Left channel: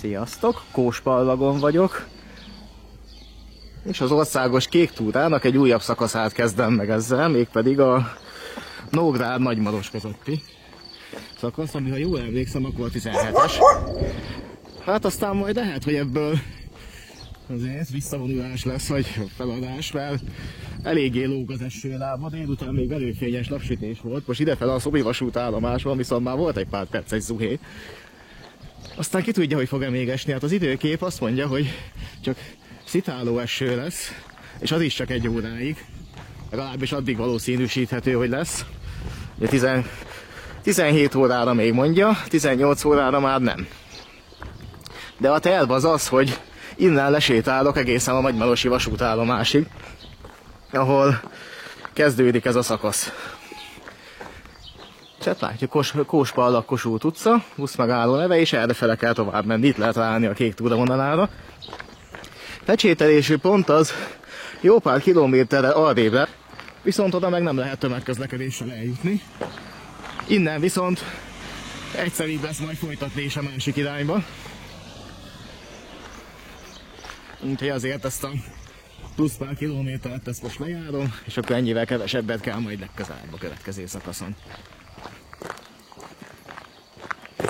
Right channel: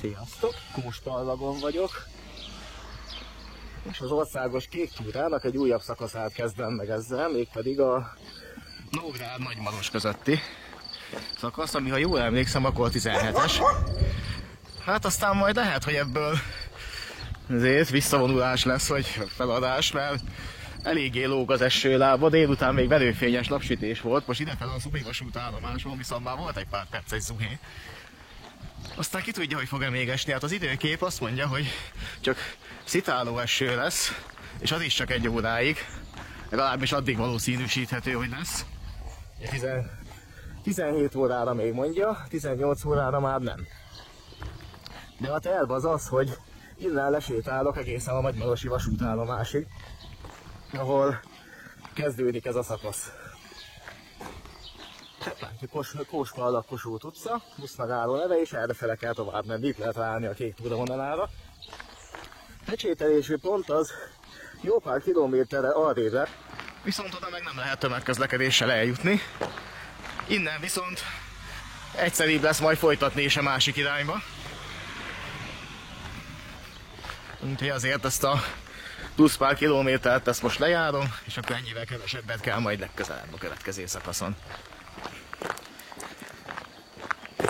Sziasztok! Kóspallagon vagyok. És az országos kék túrának egy újabb szakaszát kezdem meg ezzel, mégpedig a Nógrád Nagymaros közötti szakasz, ami ha jól emlékszem, akkor 17-es. Hát aztán majd lehet, hogy ebből azért visszavonulás lesz, vagy feladás, mert eléggé lóg az esőlába, délután még verőfényes napsütés volt, most idefele a Szobi vasútállomáson viszont már volt egy pár perces zuhé. Aztán ki tudja, hogy fog-e még esni, hát az időkép azt mondja, hogy csak szitáló eső lesz, és az is csak egy óráig, legalábbis addig valószínűsíthető, hogy lesz. 17 órára még mondja, 18 órára már nem. De a terv az az, hogy innen lesétálok egészen a Nagymarosi vasútállomásig, ahol kezdődik ez a szakasz. Tehát látjuk, Kóspallag Kossuth utca, busz megálló neve, és errefele kell tovább menni, itt lehet ráállni a kék túravonalára. Lecsételésű pont az jó pár kilométerre arrébre, viszont oda meg nem lehet tömegközlekedéssel eljutni. Innen viszont egyszerűbb lesz majd folytatni is a másik irányba. Úgyhogy azért ezt a plusz pár kilométert ezt most lejárom, és akkor ennyivel kevesebbet kell majd legközelebb a következő szakaszon.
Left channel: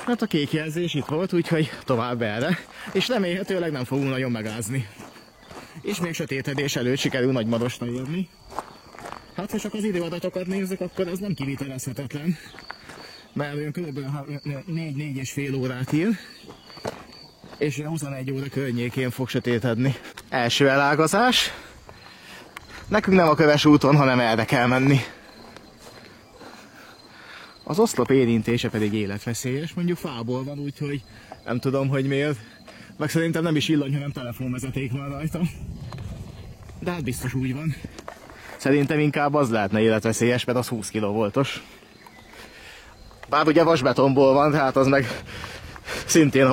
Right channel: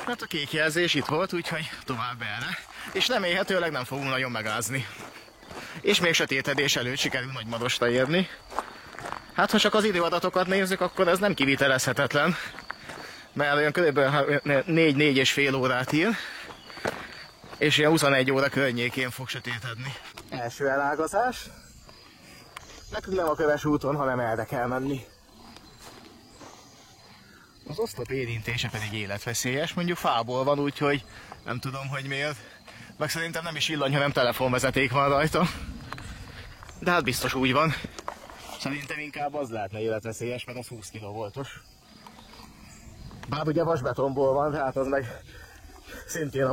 Hát a kék jelzés itt volt, úgyhogy tovább erre, és remélhetőleg nem fogunk nagyon megázni. És még sötétedés előtt sikerül Nagymarosra érni. Hát ha csak az időadatokat nézzük, akkor ez nem kivitelezhetetlen, mert olyan kb. 4-4,5 órát ír, és ilyen 21 óra környékén fog sötétedni. Első elágazás. Nekünk nem a Köves úton, hanem erre kell menni. Az oszlop érintése pedig életveszélyes, mondjuk fából van, úgyhogy nem tudom, hogy miért. Meg szerintem nem is villany, hanem telefonvezeték van rajta. De hát biztos úgy van. Szerintem inkább az lehetne életveszélyes, mert az 20 kV-os. Bár ugye vasbetonból van, tehát az meg szintén,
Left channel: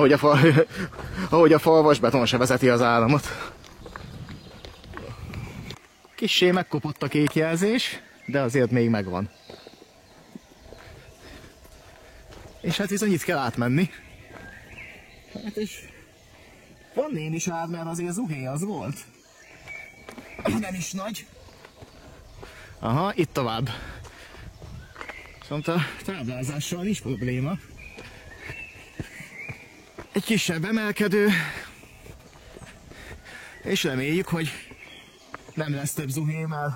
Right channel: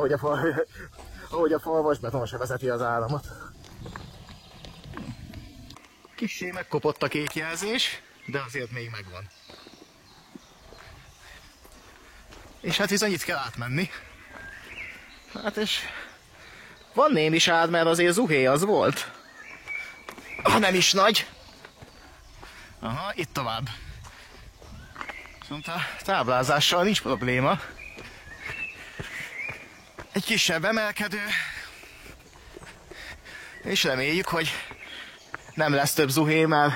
ahogy a fal vasbeton se vezeti az áramot. Kissé megkopott a kék jelzés, de azért még megvan. És hát bizony itt kell átmenni. Hát és van némi sád, mert azért zuhé az volt. Nem is nagy. Aha, itt tovább. Viszont a táblázással nincs probléma. Egy kisebb emelkedő. És reméljük, hogy nem lesz több zuhé, mert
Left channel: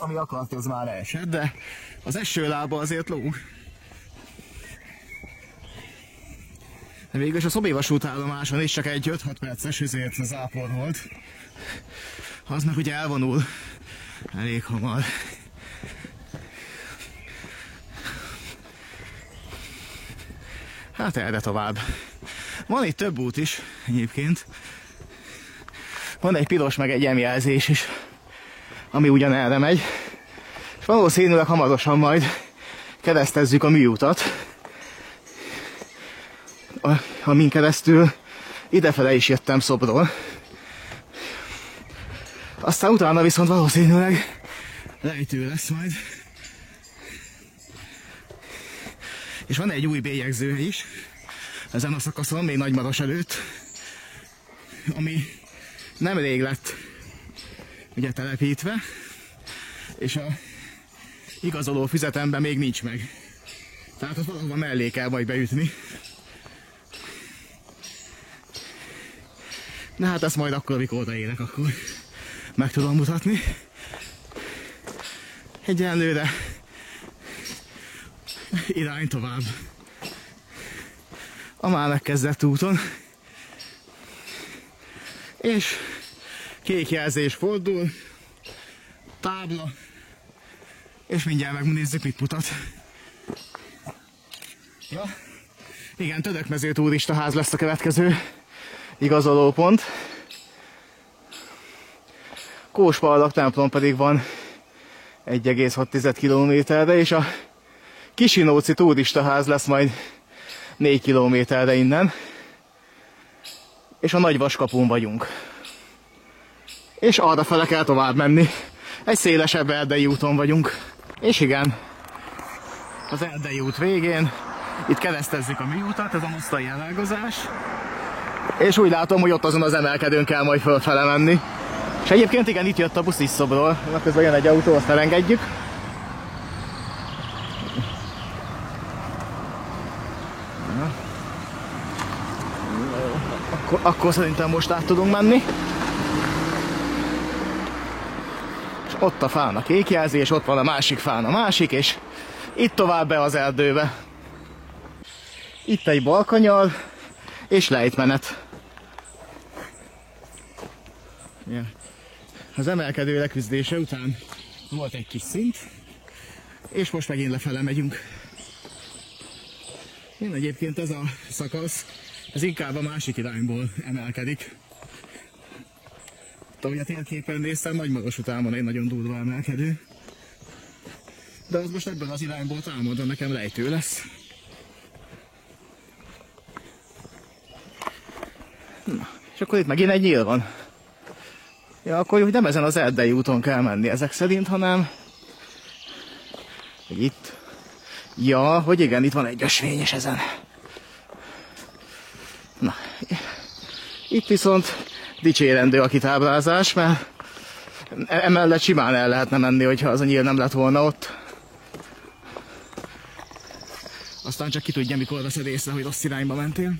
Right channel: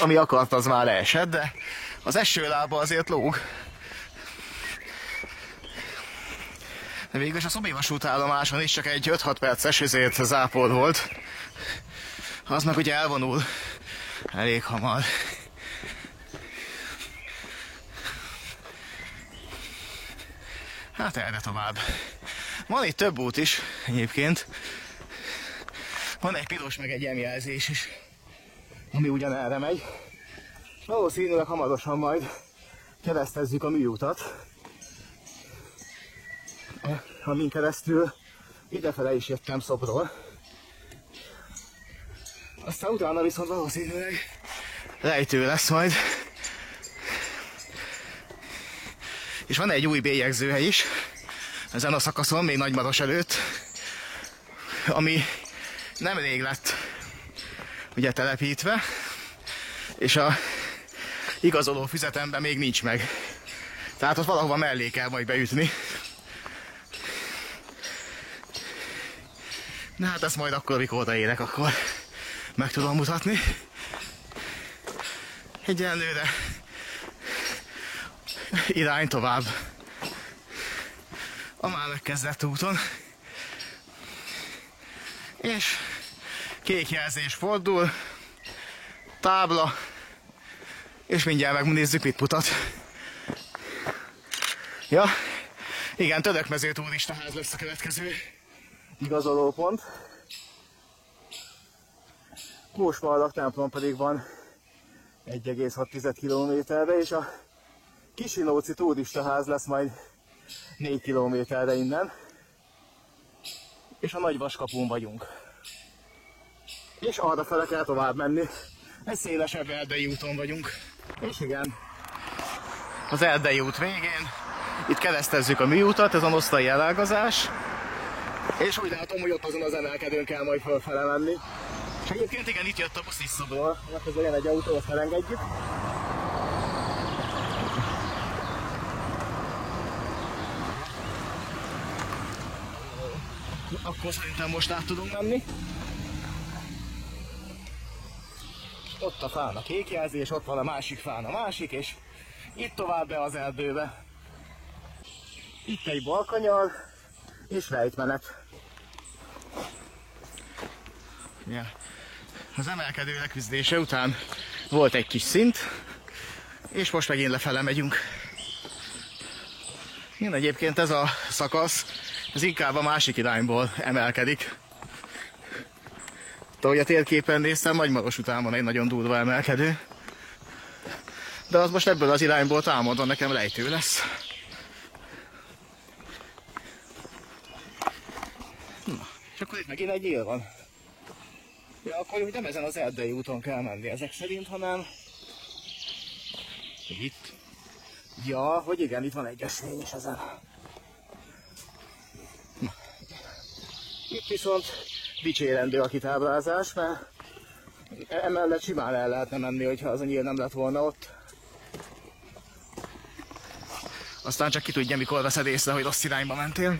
ami akart, az már leesett, de az esőlába azért lóg. De végülis a Szobi vasútállomáson is csak egy 5-6 perces zápor volt. Az meg ugye elvonul elég hamar. Hát erre tovább. Van itt több út is egyébként. Van egy piros meg egy M-jelzés is, ami ugyanerre megy. És valószínűleg hamarosan majd keresztezzük a műutat, amin keresztül idefele is jöttem Szobról. Aztán utána viszont valószínűleg lejtő lesz majd. És van egy új bélyegzőhely is ezen a szakaszon, még Nagymaros előtt, ami nemrég lett ugye telepítve, és a igazoló füzetemben még nincs meg. Tehát ott valahova mellé kell majd beütni. De hát ezt majd akkor, amikor odaérek, akkor meg tudom mutatni. Egyenlőre irány tovább a már megkezdett úton. És kék jelzés fordul, tábla, és mindjárt megnézzük, mit mutat. Ja, igen, Tödökmező turistaház lesz a következő igazolópont. Kóspallag templom pedig van 1,6 kilométerre, és a Kisinóci turistaház lesz majd 4 kilométerre innen. És a Nagyvaskapun vagyunk. És arrafele kell tovább menni. Egy szélesebb erdei úton vagyunk. És igen, az erdei út végén itt keresztezzük a műutat, ez a nosztai elágazás. És úgy látom, hogy ott azon az emelkedőn kell majd fölfele menni. És egyébként igen, itt jött a busz Tiszobról. Közben jön egy autó, azt elengedjük. Akkor szerintem most át tudunk menni. És ott a fán a kék jelzés, ott van a másik fán a másik, és itt tovább be az erdőbe. Itt egy balkanyar, és lejtmenet. Ja. Az emelkedő leküzdése után volt egy kis szint, és most megint lefele megyünk. Én egyébként ez a szakasz, ez inkább a másik irányból emelkedik. Ahogy a térképen néztem, Nagymaros után van egy nagyon durva emelkedő. De az most ebből az irányból támadva nekem lejtő lesz. Na, és akkor itt megint egy nyíl van. Ja, akkor nem ezen az erdei úton kell menni ezek szerint, hanem itt. Ja, hogy igen, itt van egy ösvény is ezen. Na, itt viszont dicsérendő a kitáblázás, mert emellett simán el lehetne menni, hogyha az a nyíl nem lett volna ott. Aztán csak ki tudja, mikor veszed észre, hogy rossz irányba mentél.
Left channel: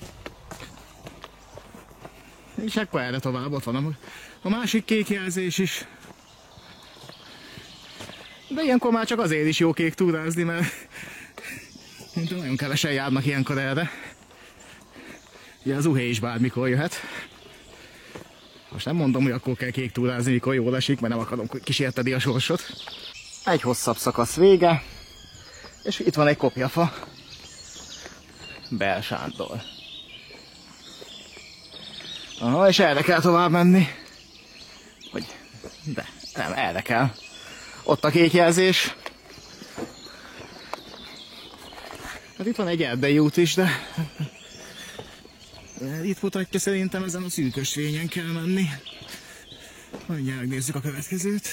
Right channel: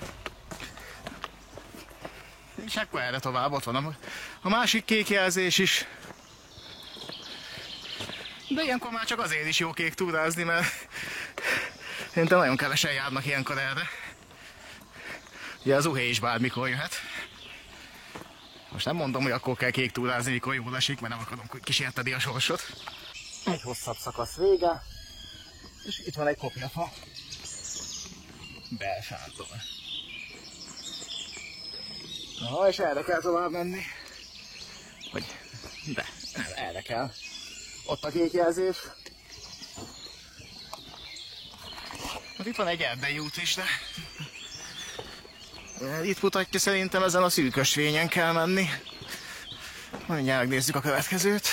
És akkor erre tovább, ott van a másik kék jelzés is. De ilyenkor már csak azért is jó kék túrázni, mert szerintem nagyon kevesen járnak ilyenkor erre. Ugye az uhé is bármikor jöhet. Most nem mondom, hogy akkor kell kék túrázni, mikor jól esik, mert nem akarom kísérteni a sorsot. Egy hosszabb szakasz vége, és itt van egy kopjafa. Bel Sándor. Aha, és erre kell tovább menni. Hogy? De, nem, erre kell. Ott a kék jelzés. Hát itt van egy erdei út is, de itt mutatja, szerintem ezen a szűk ösvényen kell menni. Mindjárt megnézzük a következőt.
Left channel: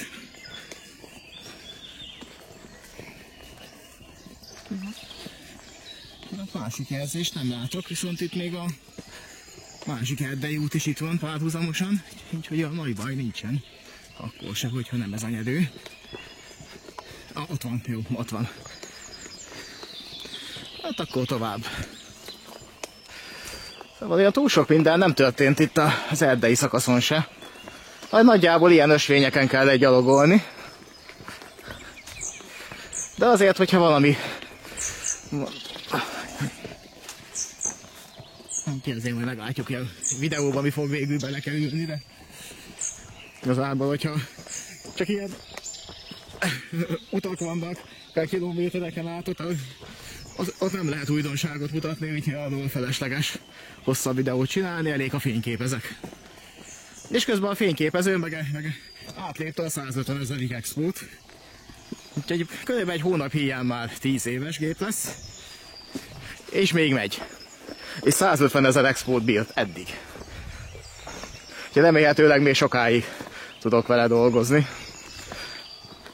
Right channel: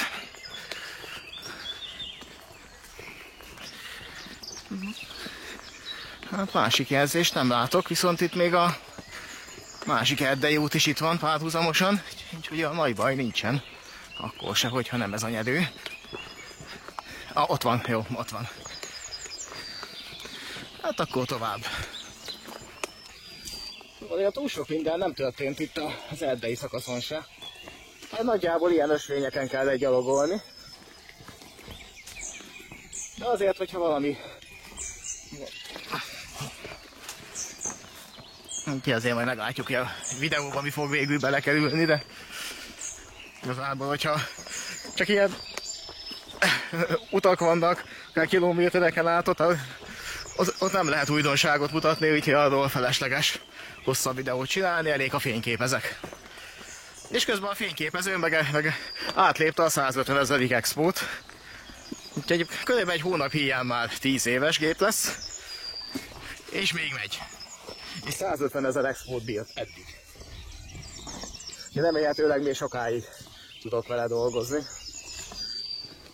Hát másik jelzést nem látok, viszont itt még a másik erdei út is itt van párhuzamosan, úgyhogy a nagy baj nincsen. Akkor se, hogyha nem ez a nyerő. Ott van, jó, ott van. Hát akkor tovább. Szóval olyan túl sok minden nem történt itt az erdei szakaszon se. Nagyjából ilyen ösvényeken kell gyalogolni. De azért, hogyha valami... Ki azért majd meglátjuk, hogy a videóban mi fog végül belekerülni, de igazából, hogyha csak ilyen utak vannak, akár kilométereken át, ott nem lehet újdonságot mutatni, úgyhogy arról felesleges hosszabb videót csinálni, elég a fényképezek. És közben a fényképező meg átlépte a 150 000. expót. Úgyhogy körülbelül egy hónap híján már 10 éves gép lesz, és még megy. És 150 000 expót bírt eddig. Úgyhogy remélhetőleg még sokáig tudok vele dolgozni.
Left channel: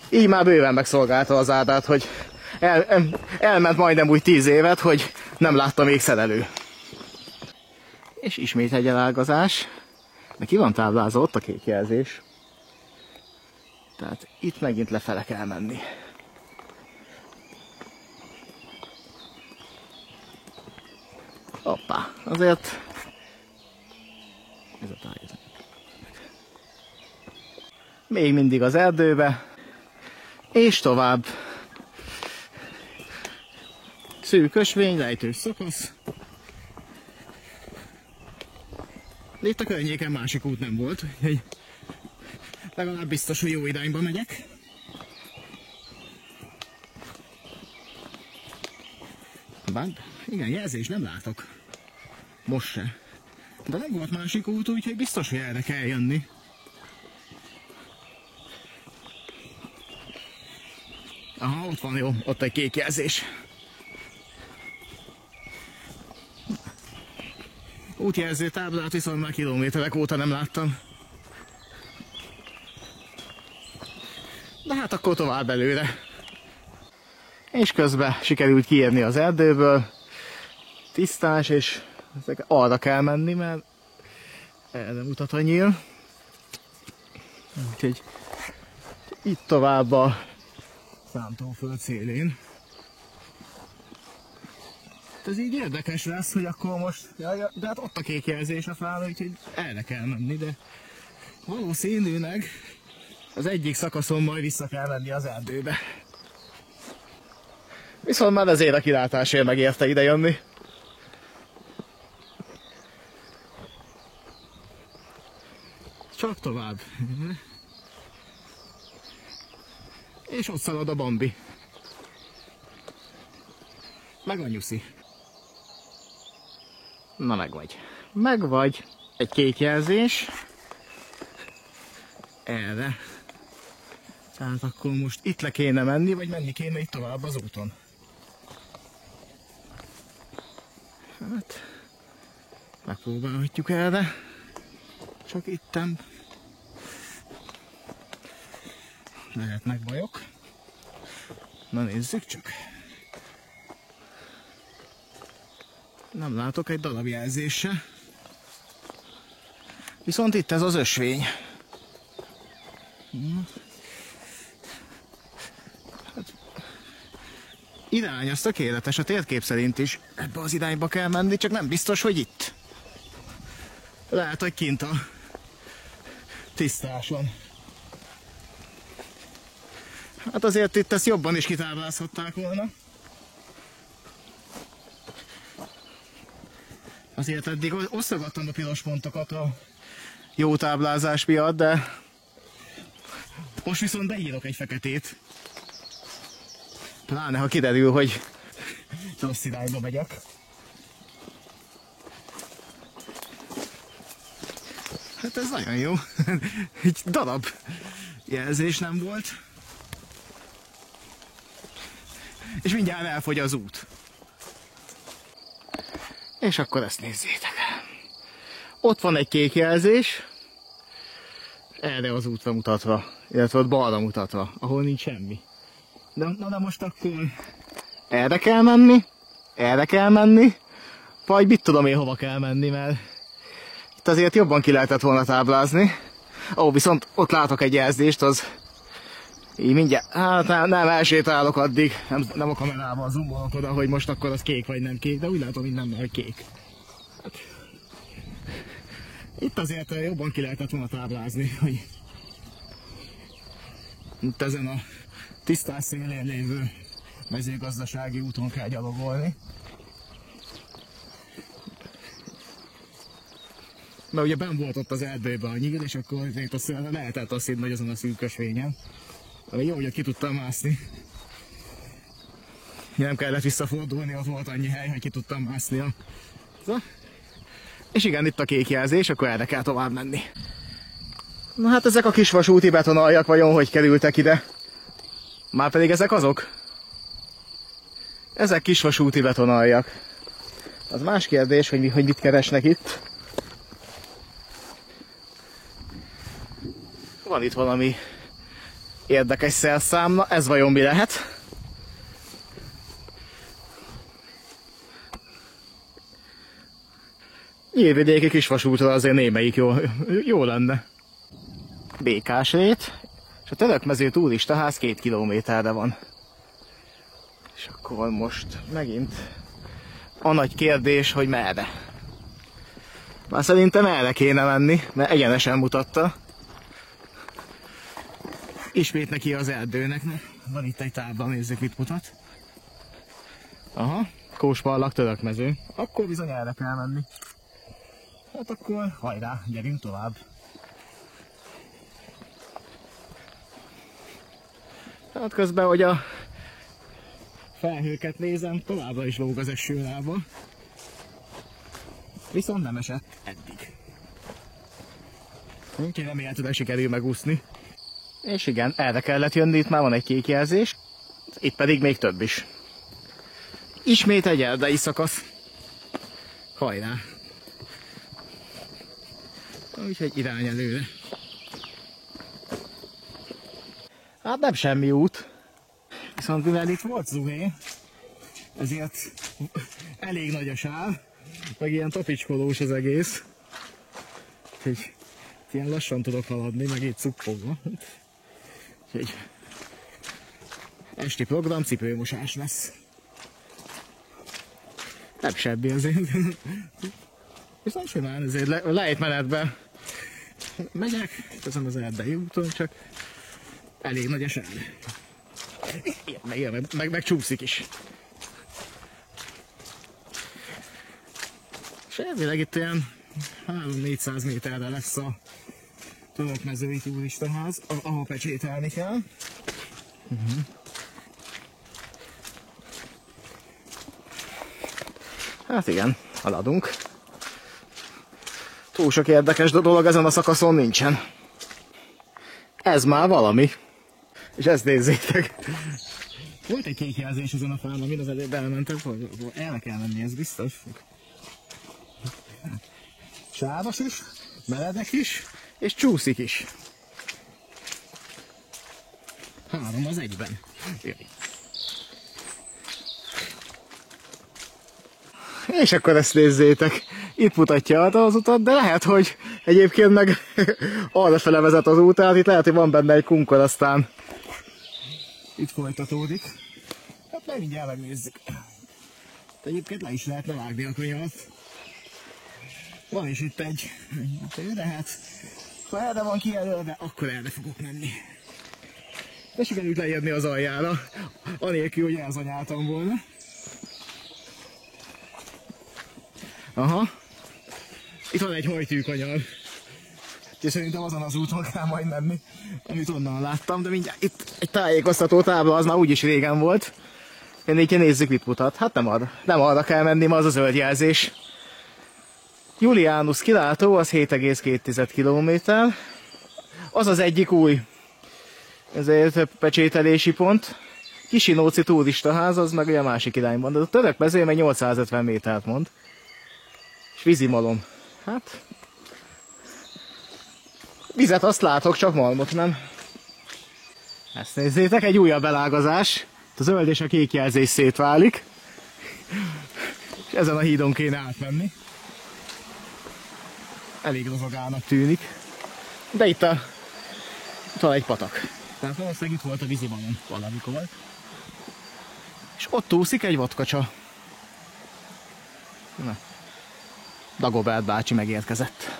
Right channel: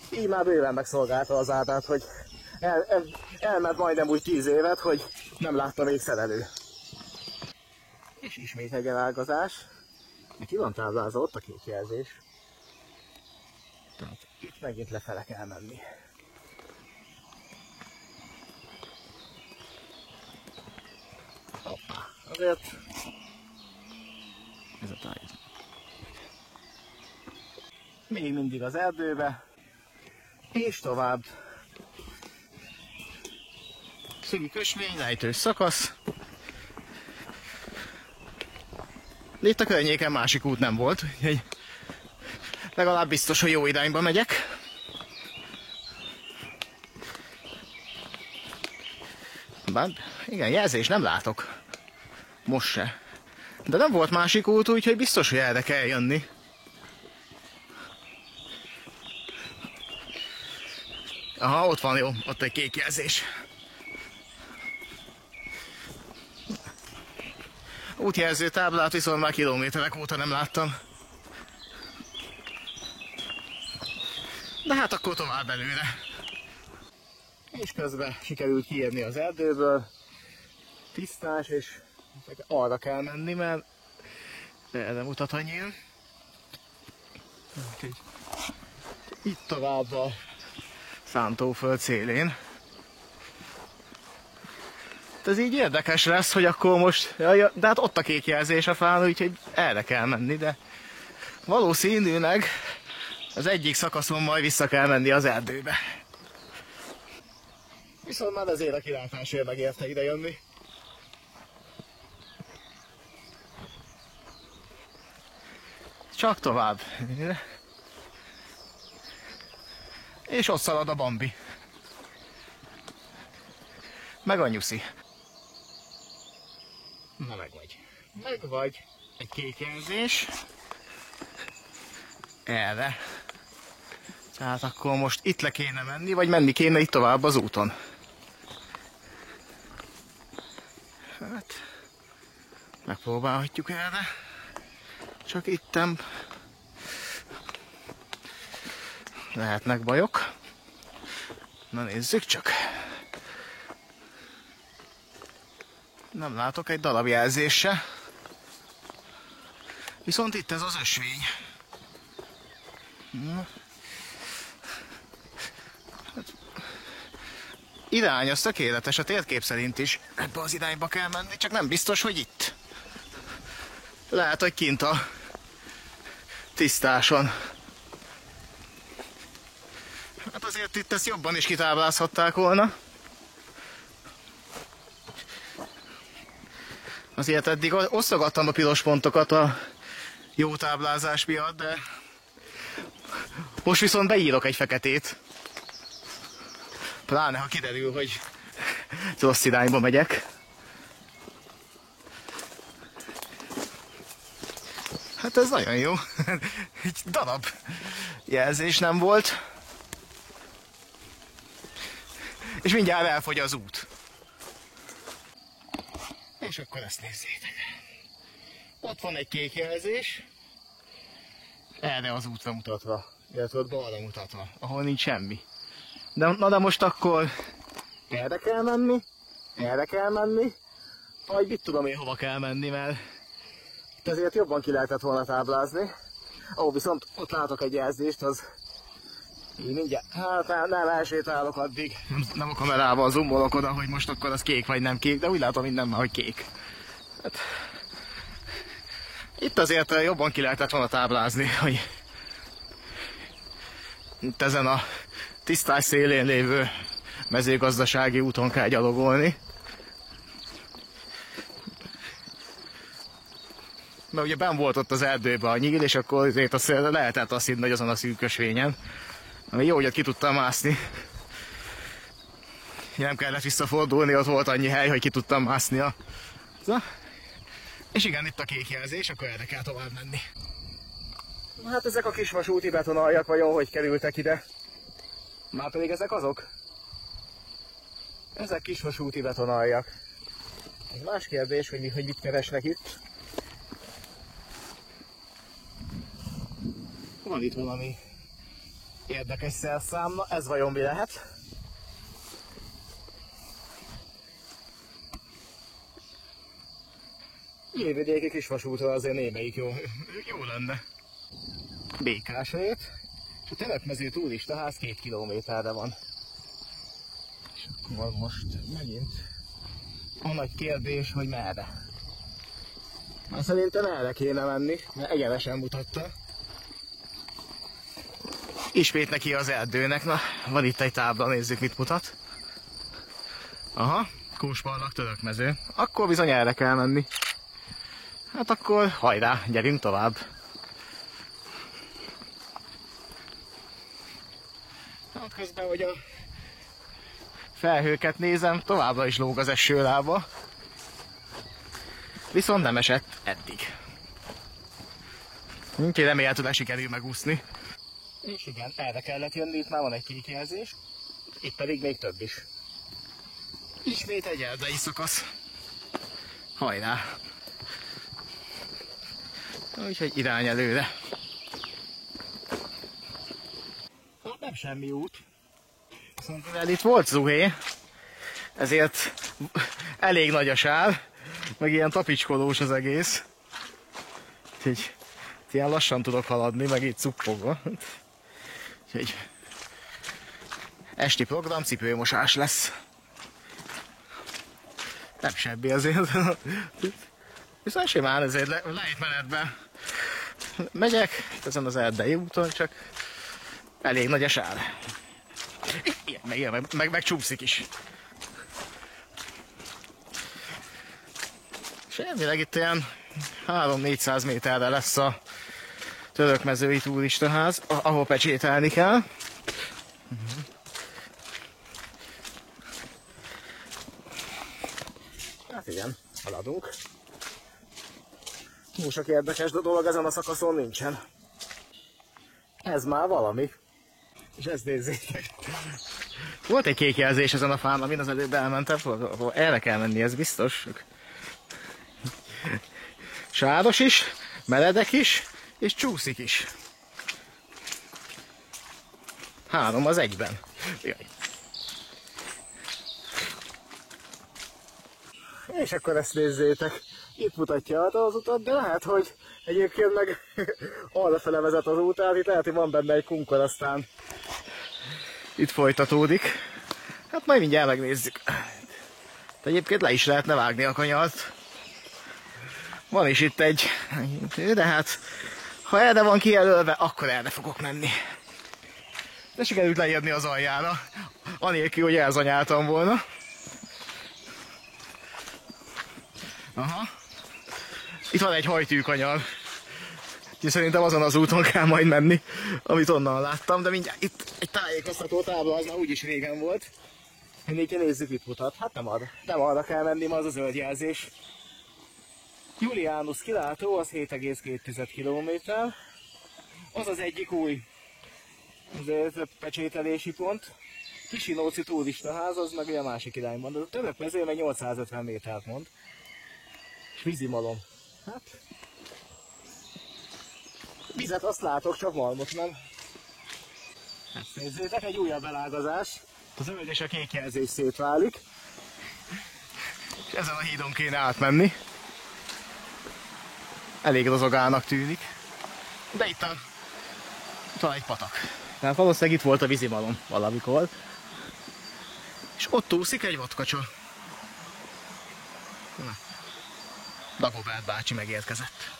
Így már bőven megszolgálta az áldát, hogy elment majdnem úgy 10 évet, hogy nem látta még szerelő. És ismét egy elágazás. De ki van táblázva, ott a kék jelzés. Tehát itt megint lefele kell menni. Hoppá, azért ez a táj. Még mindig az erdőbe, és tovább. Szűk ösvény, lejtős szakasz. Itt a környéken másik út nem volt, úgyhogy legalább biztos, hogy jó irányba megyek. Bár igen, jelzés nem látok. Most se. De nem volt másik út, úgyhogy biztos, hogy erre kell jönni. Aha, ott van, jó, ott egy kék jelzés. Útjelző táblát viszont már kilométerek óta nem láttam. De hát akkor tovább előre. És közben sikerült kiérni az erdőből. Tisztás, és arra kell menni, mert Erre mutat a nyíl. Úgyhogy itt tovább a szántóföld szélén. Ez így érdekes lesz, hogy akkor most... De hát ott a kék jelzés a fán, úgyhogy erre kell menni, de valószínűleg az egyik szakaszon majd vissza kell menni az erdőbe. Viszont már ezért a kilátásért megérte ide jönni. Csak tovább. És ott szalad a Bambi. Meg a Nyuszi. Na megvagy. Megvagy. Egy kék jelzés. Erre. Tehát akkor most itt le kéne menni, vagy menni kéne itt tovább az úton. Hát, megpróbálhatjuk erre. Csak itten lehetnek bajok. Na nézzük csak. Nem látok egy darab jelzést se. Viszont itt ez az ösvény. Hát, irány az tökéletes, a térkép szerint is ebbe az irányba kell menni, csak nem biztos, hogy itt. Lehet, hogy kint a tisztáson. Hát azért itt ezt jobban is kitáblázhatták volna. Azért eddig osztogattam a piros pontokat a jó táblázás miatt, de most viszont beírok egy feketét. Pláne, ha kiderül, hogy rossz irányba megyek. Hát ez nagyon jó. Egy darab jelzés nem volt. És mindjárt elfogy az út. És akkor ezt nézzétek. Ott van egy kék jelzés, erre az útra mutatva, illetve ott balra mutatva, ahol nincs semmi. De most akkor erre kell menni, vagy mit tudom én hova kell menni, mert itt azért jobban ki lehetett volna táblázni. Ó, viszont ott látok egy jelzést, az így mindjárt, hát nem elsétálok addig, nem a kamerával zoomolok oda, hogy most akkor az kék vagy nem kék, de úgy látom minden, hogy kék. Hát, itt azért jobban ki lehetett volna táblázni, hogy itt ezen a tisztás szélén lévő mezőgazdasági úton kell gyalogolni. Mert ugye benn volt ott az erdőben a nyíl, és akkor lehetett azt hinni, hogy azon a szűk ösvényen. Ami jó, hogy ott ki tudtam mászni. Nem kellett visszafordulni, ott volt annyi hely, hogy ki tudtam mászni. És igen, itt a kék jelzés, akkor erre kell tovább menni. Na hát ezek a kis vasúti betonaljak vajon hogy kerültek ide? Márpedig ezek azok? Ezek kis vasúti betonaljak. Az más kérdés, hogy mit keresnek itt. Van itt valami érdekes szerszám, na ez vajon mi lehet? Nyírvidéki kisvasútra azért némelyik jó lenne. Békásrét, és a Törökmező turistaház 2 kilométerre van. És akkor most megint a nagy kérdés, hogy merre. Már szerintem erre kéne menni, mert egyenesen mutatta. Ismét neki az erdőnek, na van itt egy tábla, nézzük mit mutat. Aha, Kósbarlang Törökmező. Akkor bizony erre kell menni. Hát akkor hajrá, gyerünk tovább. Hát közben, hogy a felhőket nézem, továbbra is lóg az esőlába. Viszont nem esett eddig. Úgyhogy remélhetőleg sikerül megúszni. És igen, erre kellett jönni, itt már van egy kék jelzés. Itt pedig még több is. Ismét egy erdei szakasz. Hajrá! Úgyhogy irány előre. Hát nem semmi út. Viszont mivel itt volt zuhé, ezért elég nagy a sár, meg ilyen tapicskolós az egész. Úgyhogy ilyen lassan tudok haladni, meg itt cuppogva. Úgyhogy esti program, cipőmosás lesz. Nem sebbi azért. Viszont simán ezért lejtmenetben megyek, ezen az erdei úton, csak elég nagy a sár. Igen, meg csúszik is. És elvileg itt ilyen 300-400 méterre lesz a Törökmezői turistaház, ahol pecsételni kell. Hát igen, haladunk. Túl sok érdekes dolog ezen a szakaszon nincsen. Ez már valami. És ezt nézzétek. Volt egy kék jelzés ezen a fán, amin az előbb elmentem, erre kell menni, ez biztos. Sáros is, meredek is, és csúszik is. 3 az egyben. Jaj. És akkor ezt nézzétek. Itt mutatja az utat, de lehet, hogy egyébként meg arra fele vezet az út, tehát itt lehet, hogy van benne egy kunkor, aztán itt folytatódik. Hát majd mindjárt megnézzük. De egyébként le is lehetne vágni a kanyart. Van is itt egy, de hát ha erre van kijelölve, akkor erre fogok menni. De sikerült leírni az aljára, anélkül, hogy elzanyáltam volna. Aha. Itt van egy hajtűkanyar. Úgyhogy szerintem azon az úton kell majd menni, amit onnan láttam, de mindjárt itt egy tájékoztató tábla, az már úgyis régen volt. Így nézzük, mit mutat. Hát nem arra kell menni, ma az a zöld jelzés. Julianus kilátó, az 7,2 km. Az az egyik új ezért pecsételési pont. Kisinóci turistaház, az meg a másik irányban. De a Törökmező meg 850 métert mond. És vízimalom. Hát... vizet azt látok, csak malmot nem. Ezt nézzétek, egy újabb elágazás. A zöld és a kék jelzés szétválik. És ezen a hídon kéne átmenni. Elég rozogának tűnik. De itt van egy patak. Tehát valószínűleg itt volt a vízimalom valamikor. És ott úszik egy vadkacsa. Na. Dagobert bácsi megérkezett.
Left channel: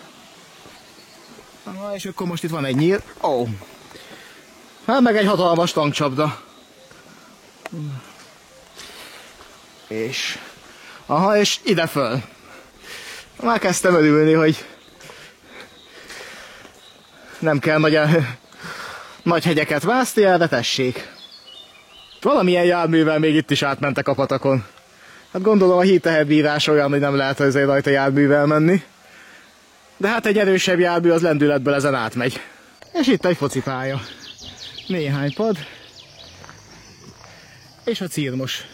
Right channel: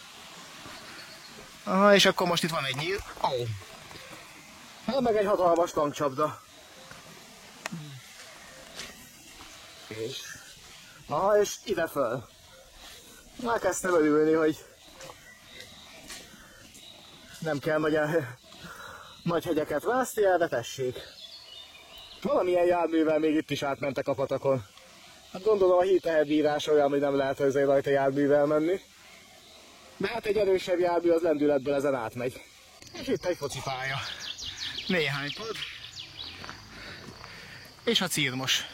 Aha, és akkor most itt van egy nyír. Ó. Hát meg egy hatalmas tankcsapda. És... aha, és ide föl. Már kezdtem örülni, hogy nem kell nagy hegyeket vászni el, de tessék. Valamilyen járművel még itt is átmentek a patakon. Hát gondolom a hídteherbírás olyan, hogy nem lehet azért rajta járművel menni. De hát egy erősebb jármű az lendületből ezen átmegy. És itt egy focipálya. Néhány pad. És a cirmos.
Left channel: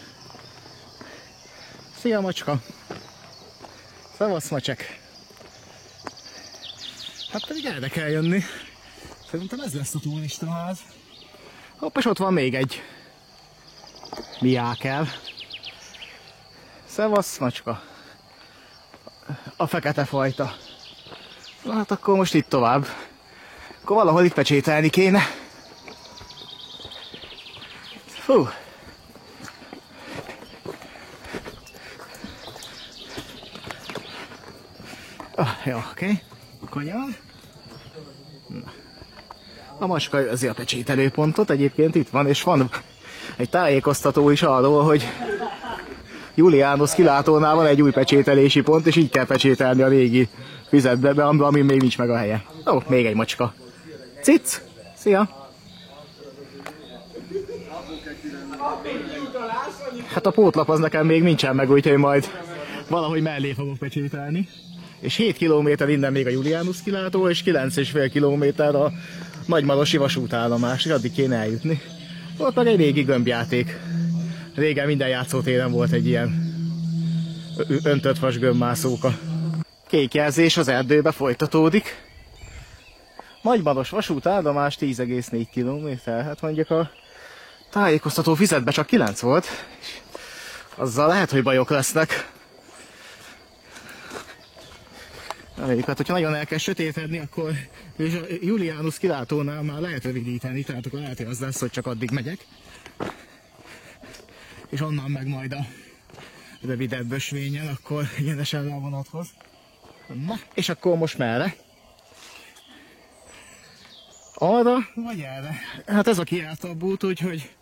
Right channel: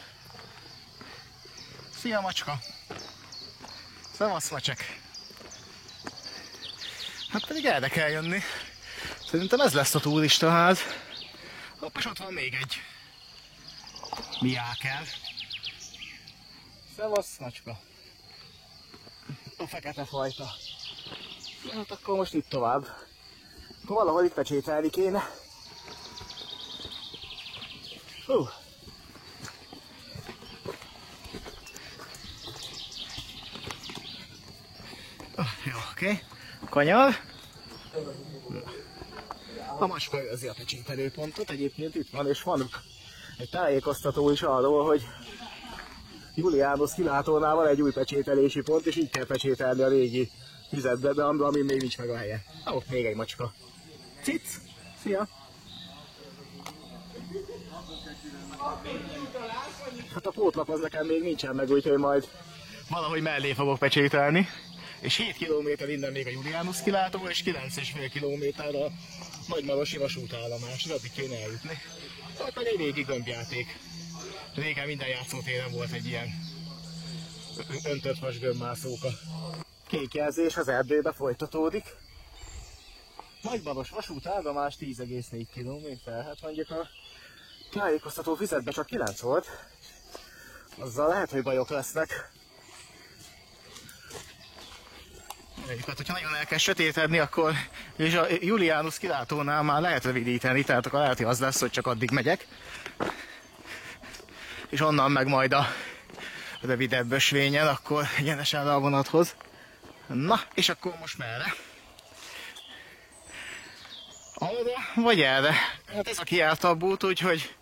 Szia macska! Szevasz macsek! Hát pedig erre kell jönni. Szerintem ez lesz a turistaház. Hopp, és ott van még egy miákel. Szevasz macska! A fekete fajta. Na hát akkor most itt tovább. Akkor valahol itt pecsételni kéne. Fú! Jó, oké. Kanyar. Na. A macska őrzi a pecsételőpontot, egyébként itt van, és van egy tájékoztató is arról, hogy Julianus kilátónál van egy új pecsételési pont, és így kell pecsételni a régi fizetbe, ami még nincs meg a helye. Ó, még egy macska. Cic! Szia! Hát a pótlap az nekem még nincsen meg, úgyhogy majd valahogy mellé fogok pecsételni. És 7 km innen még a Julianus kilátó, és 9,5 km a Nagymarosi vasútállomás, és addig kéne eljutni. Ott meg egy régi gömbjáték. Régen minden játszótéren volt egy ilyen öntött vas gömbmászóka. Kék jelzés az erdőbe folytatódik. Nagymaros vasútállomás 10,4 km. Hát mondjuk a tájékoztató fizetbe csak 9 volt. Azzal lehet, hogy bajok lesznek. Hát, hogyha nagyon el kell sötétedni, akkor és a Julianus kilátónál már lehet rövidíteni, tehát akkor lehet, hogy az lesz, hogy csak addig megyek. És onnan meg majd a rövidebb ösvényen, akkor egyenesen le a vonathoz. Na, és akkor most merre? Arra, vagy erre? Hát ez a kijártabb út, úgyhogy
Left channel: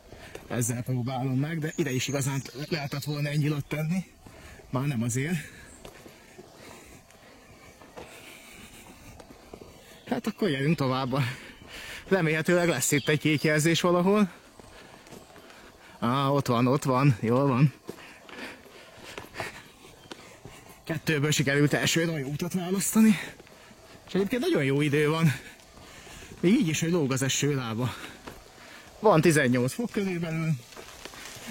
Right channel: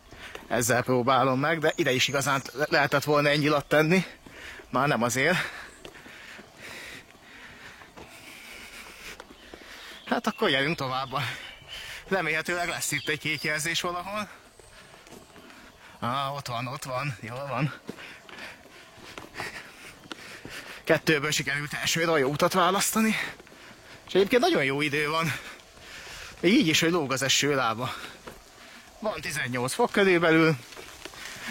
ezzel próbálom meg, de ide is igazán lehetett volna egy nyilat tenni. Már nem azért. Hát akkor gyerünk tovább. Remélhetőleg lesz itt egy kék jelzés valahol. Ott van, jól van. 2-ből sikerült elsőre a jó utat választani. És egyébként nagyon jó idő van. Még így is, hogy lóg az eső lába. Van 18 fok körülbelül.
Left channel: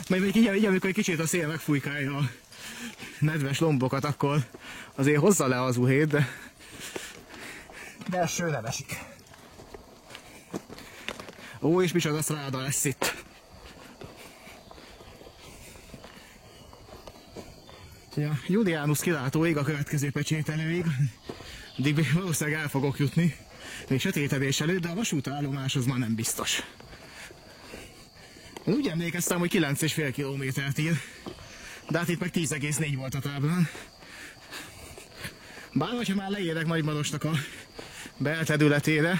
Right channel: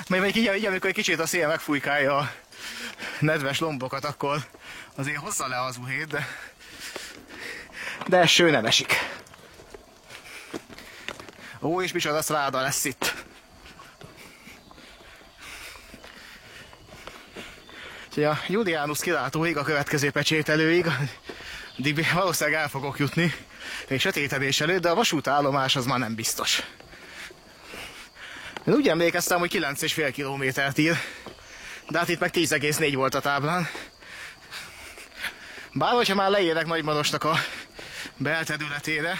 Majd így, amikor egy kicsit a szél megfújkálja a nedves lombokat, akkor azért hozza le az uhét, de eső nem esik. Ó, és micsoda szráda lesz itt. Úgyhogy a Julianus kilátóig, a következő pecsételőig, addig valószínűleg el fogok jutni, még sötétedés előtt, de a vasútállomás az már nem biztos. Én úgy emlékeztem, hogy 9,5 kilométert ír, de hát itt meg 10,4 volt a táblán. Bár hogyha már leérek Nagymarosnak a belterületére,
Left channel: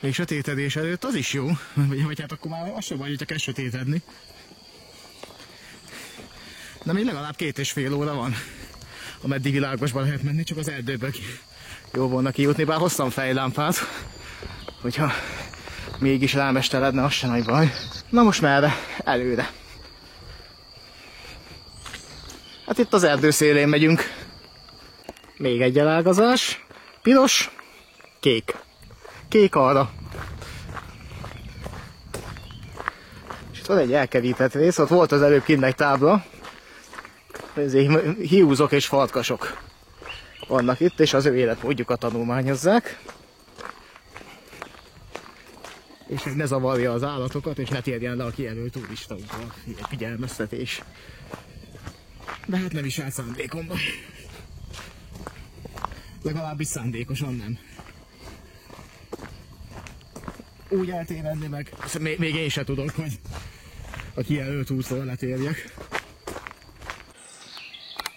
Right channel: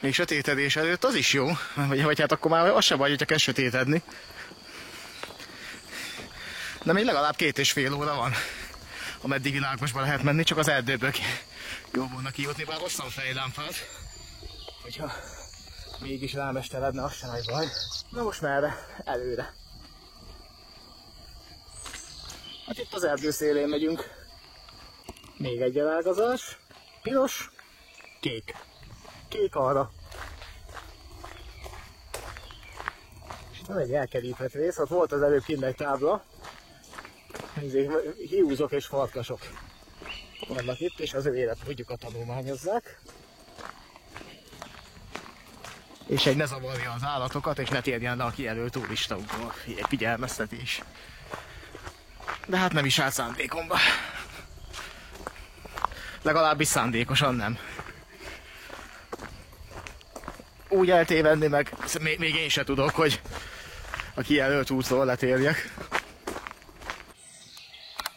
még sötétedés előtt, az is jó, vagy hát akkor már az sem baj, hogyha kell sötétedni. De még legalább 2,5 óra van, ameddig világosba lehet menni, csak az erdőből jó volna kijutni, bár hoztam fejlámpát, hogyha mégis rámesteredne, az sem nagy baj. Na most merre? Előre. Hát itt az erdő szélén megyünk. Még egy elágazás. Piros, kék. Kék arra. És itt van egy elkerített rész, ott volt az előbb kint egy tábla. Hiúzok és farkasok vannak itt, és az ő életmódjukat tanulmányozzák. És egy ne zavarja az állatokat, és ne térjen le a kijelölt turistaukba. Egy figyelmeztetés. De hát nem is állt szándékomba. Legalábbis szándékosan nem. Úgy eltévedni meg, még én se tudok, hogy a kijelölt útról letérjek.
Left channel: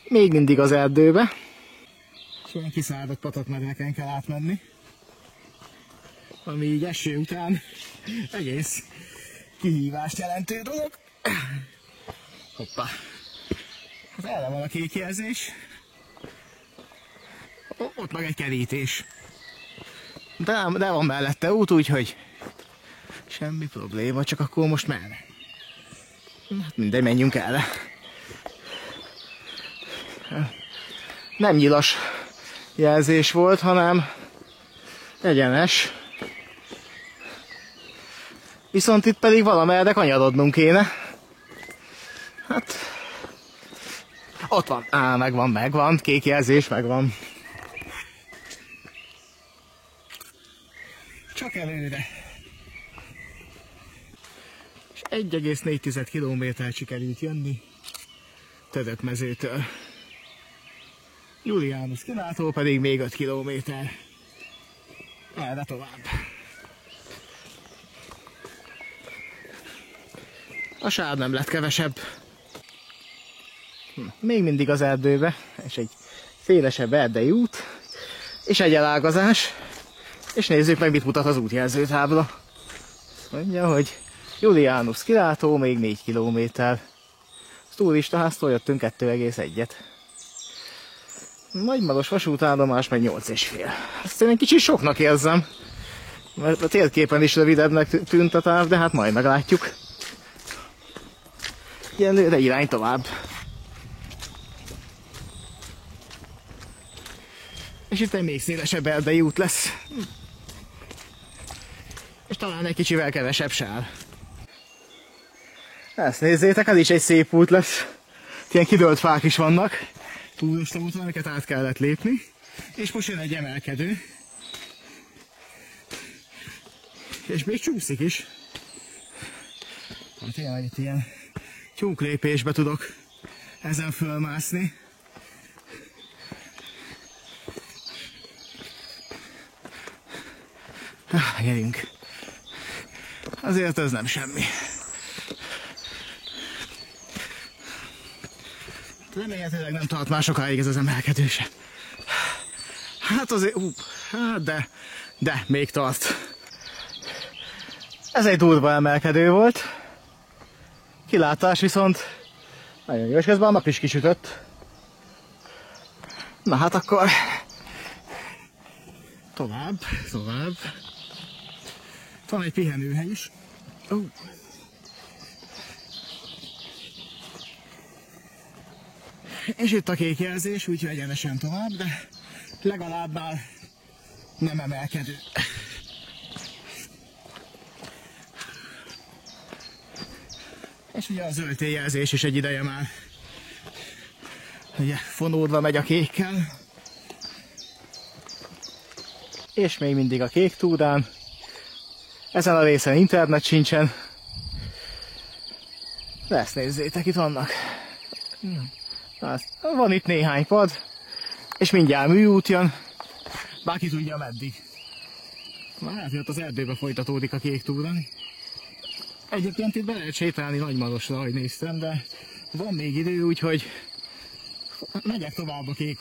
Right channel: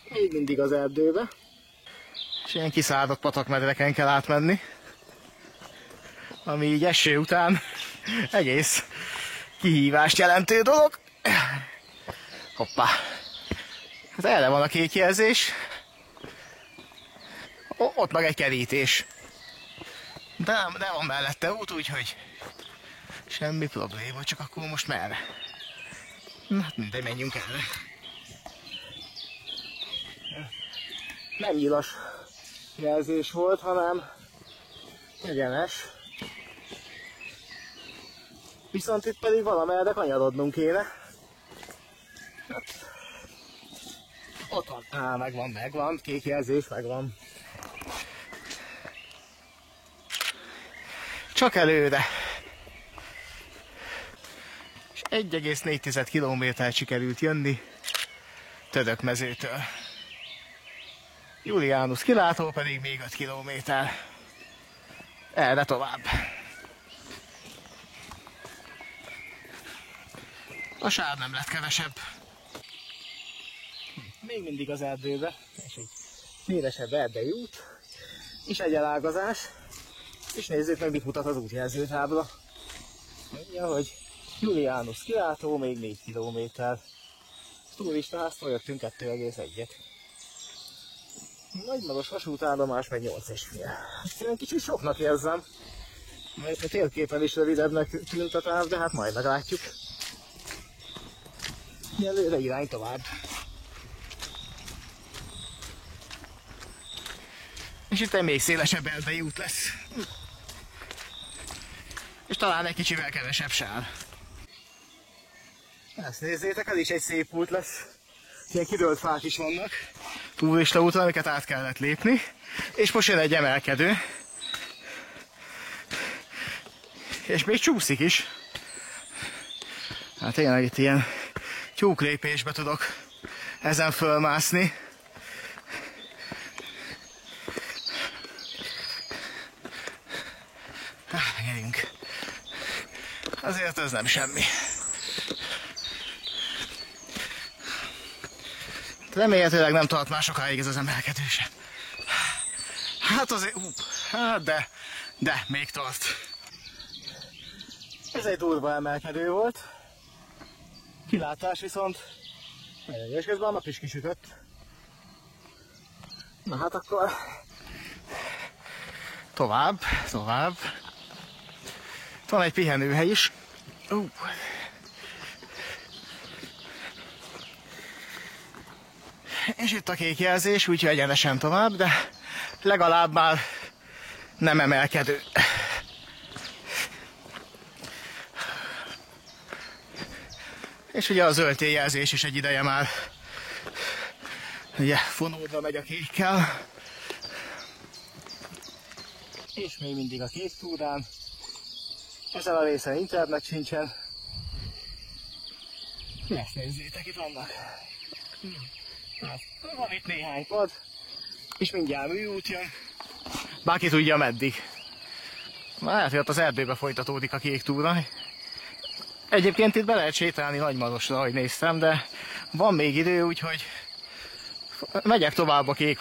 Még mindig az erdőbe. És ilyen kiszáradt patakmedreken kell átmenni. Ami így eső után egész kihívást jelentő dolog. Hoppá. Hát erre van a kék jelzés. Ott meg egy kerítés. De van mellette út, úgyhogy semmi probléma, csak akkor most merre? Hát mindegy, menjünk erre. Nem nyilas jelzés volt, hanem egyenes. Viszont itt pedig valamerre kanyarodnunk kéne. Hát... Ott van. Megvan. Kék jelzés, megvan. Csak előre. És 1,4 kilométert sikerült jönni Tödökmezőtől. Julianus kilátó pedig még 5 kilométer. Erre tovább. A sár nem lett kevesebb. Még mindig az erdőbe, és egy szélesebb erdei út, és egy elágazás, és nézzük meg, mit mutat az útjelzőtábla. Mondja, hogy Julianus kilátó, még 4 kilométer. Turistaháztól jöttünk 2,1-et. Nagymaros vasútállomás meg 8,5. Ezt én egy kicsit soknak érzem, mert a térképen is rövidebbnek tűnt a táv, de hát majd meglátjuk. Egyelőre irány tovább. És itt egy még szélesebb erdei út lesz. És talán egy kicsivel kevesebb sár. Ezt nézzétek, ez is egy szép út lesz. Ilyen kidőlt fák is vannak. Turista úton, amiket át kellett lépni. És most jön egy emelkedő. És még csúszik is. Hát tényleg itt ilyen tyúklépésbe tudok ezen fölmászni. Gyerünk. Azért ez nem semmi. Remélhetőleg nem tart már sokáig ez az emelkedő sem. Hát azért... hát de még tart. Ez egy durva emelkedő volt. Kilátás viszont nagyon jó, és közben a nap is kisütött. Na hát akkor tovább. Van egy pihenőhely is. És itt a kék jelzés, úgyhogy egyenesen tovább, de legalább már nem emelkedő. És ugye a zöld jelzés is egy ideje már ugye fonódva megy a kékkel. És még mindig a kék túrán. Ezen a részen internet sincsen. De ezt nézzétek, itt vannak. Van itt néhány pad, és mindjárt műút jön. Bárki tudja meddig. Már lehet, hogy ott az erdőbe folytatódik a kék túra. Egyébként itt be lehet sétálni Nagymarosra, ahogy néztem, de van még idő, úgyhogy megyek tovább a kék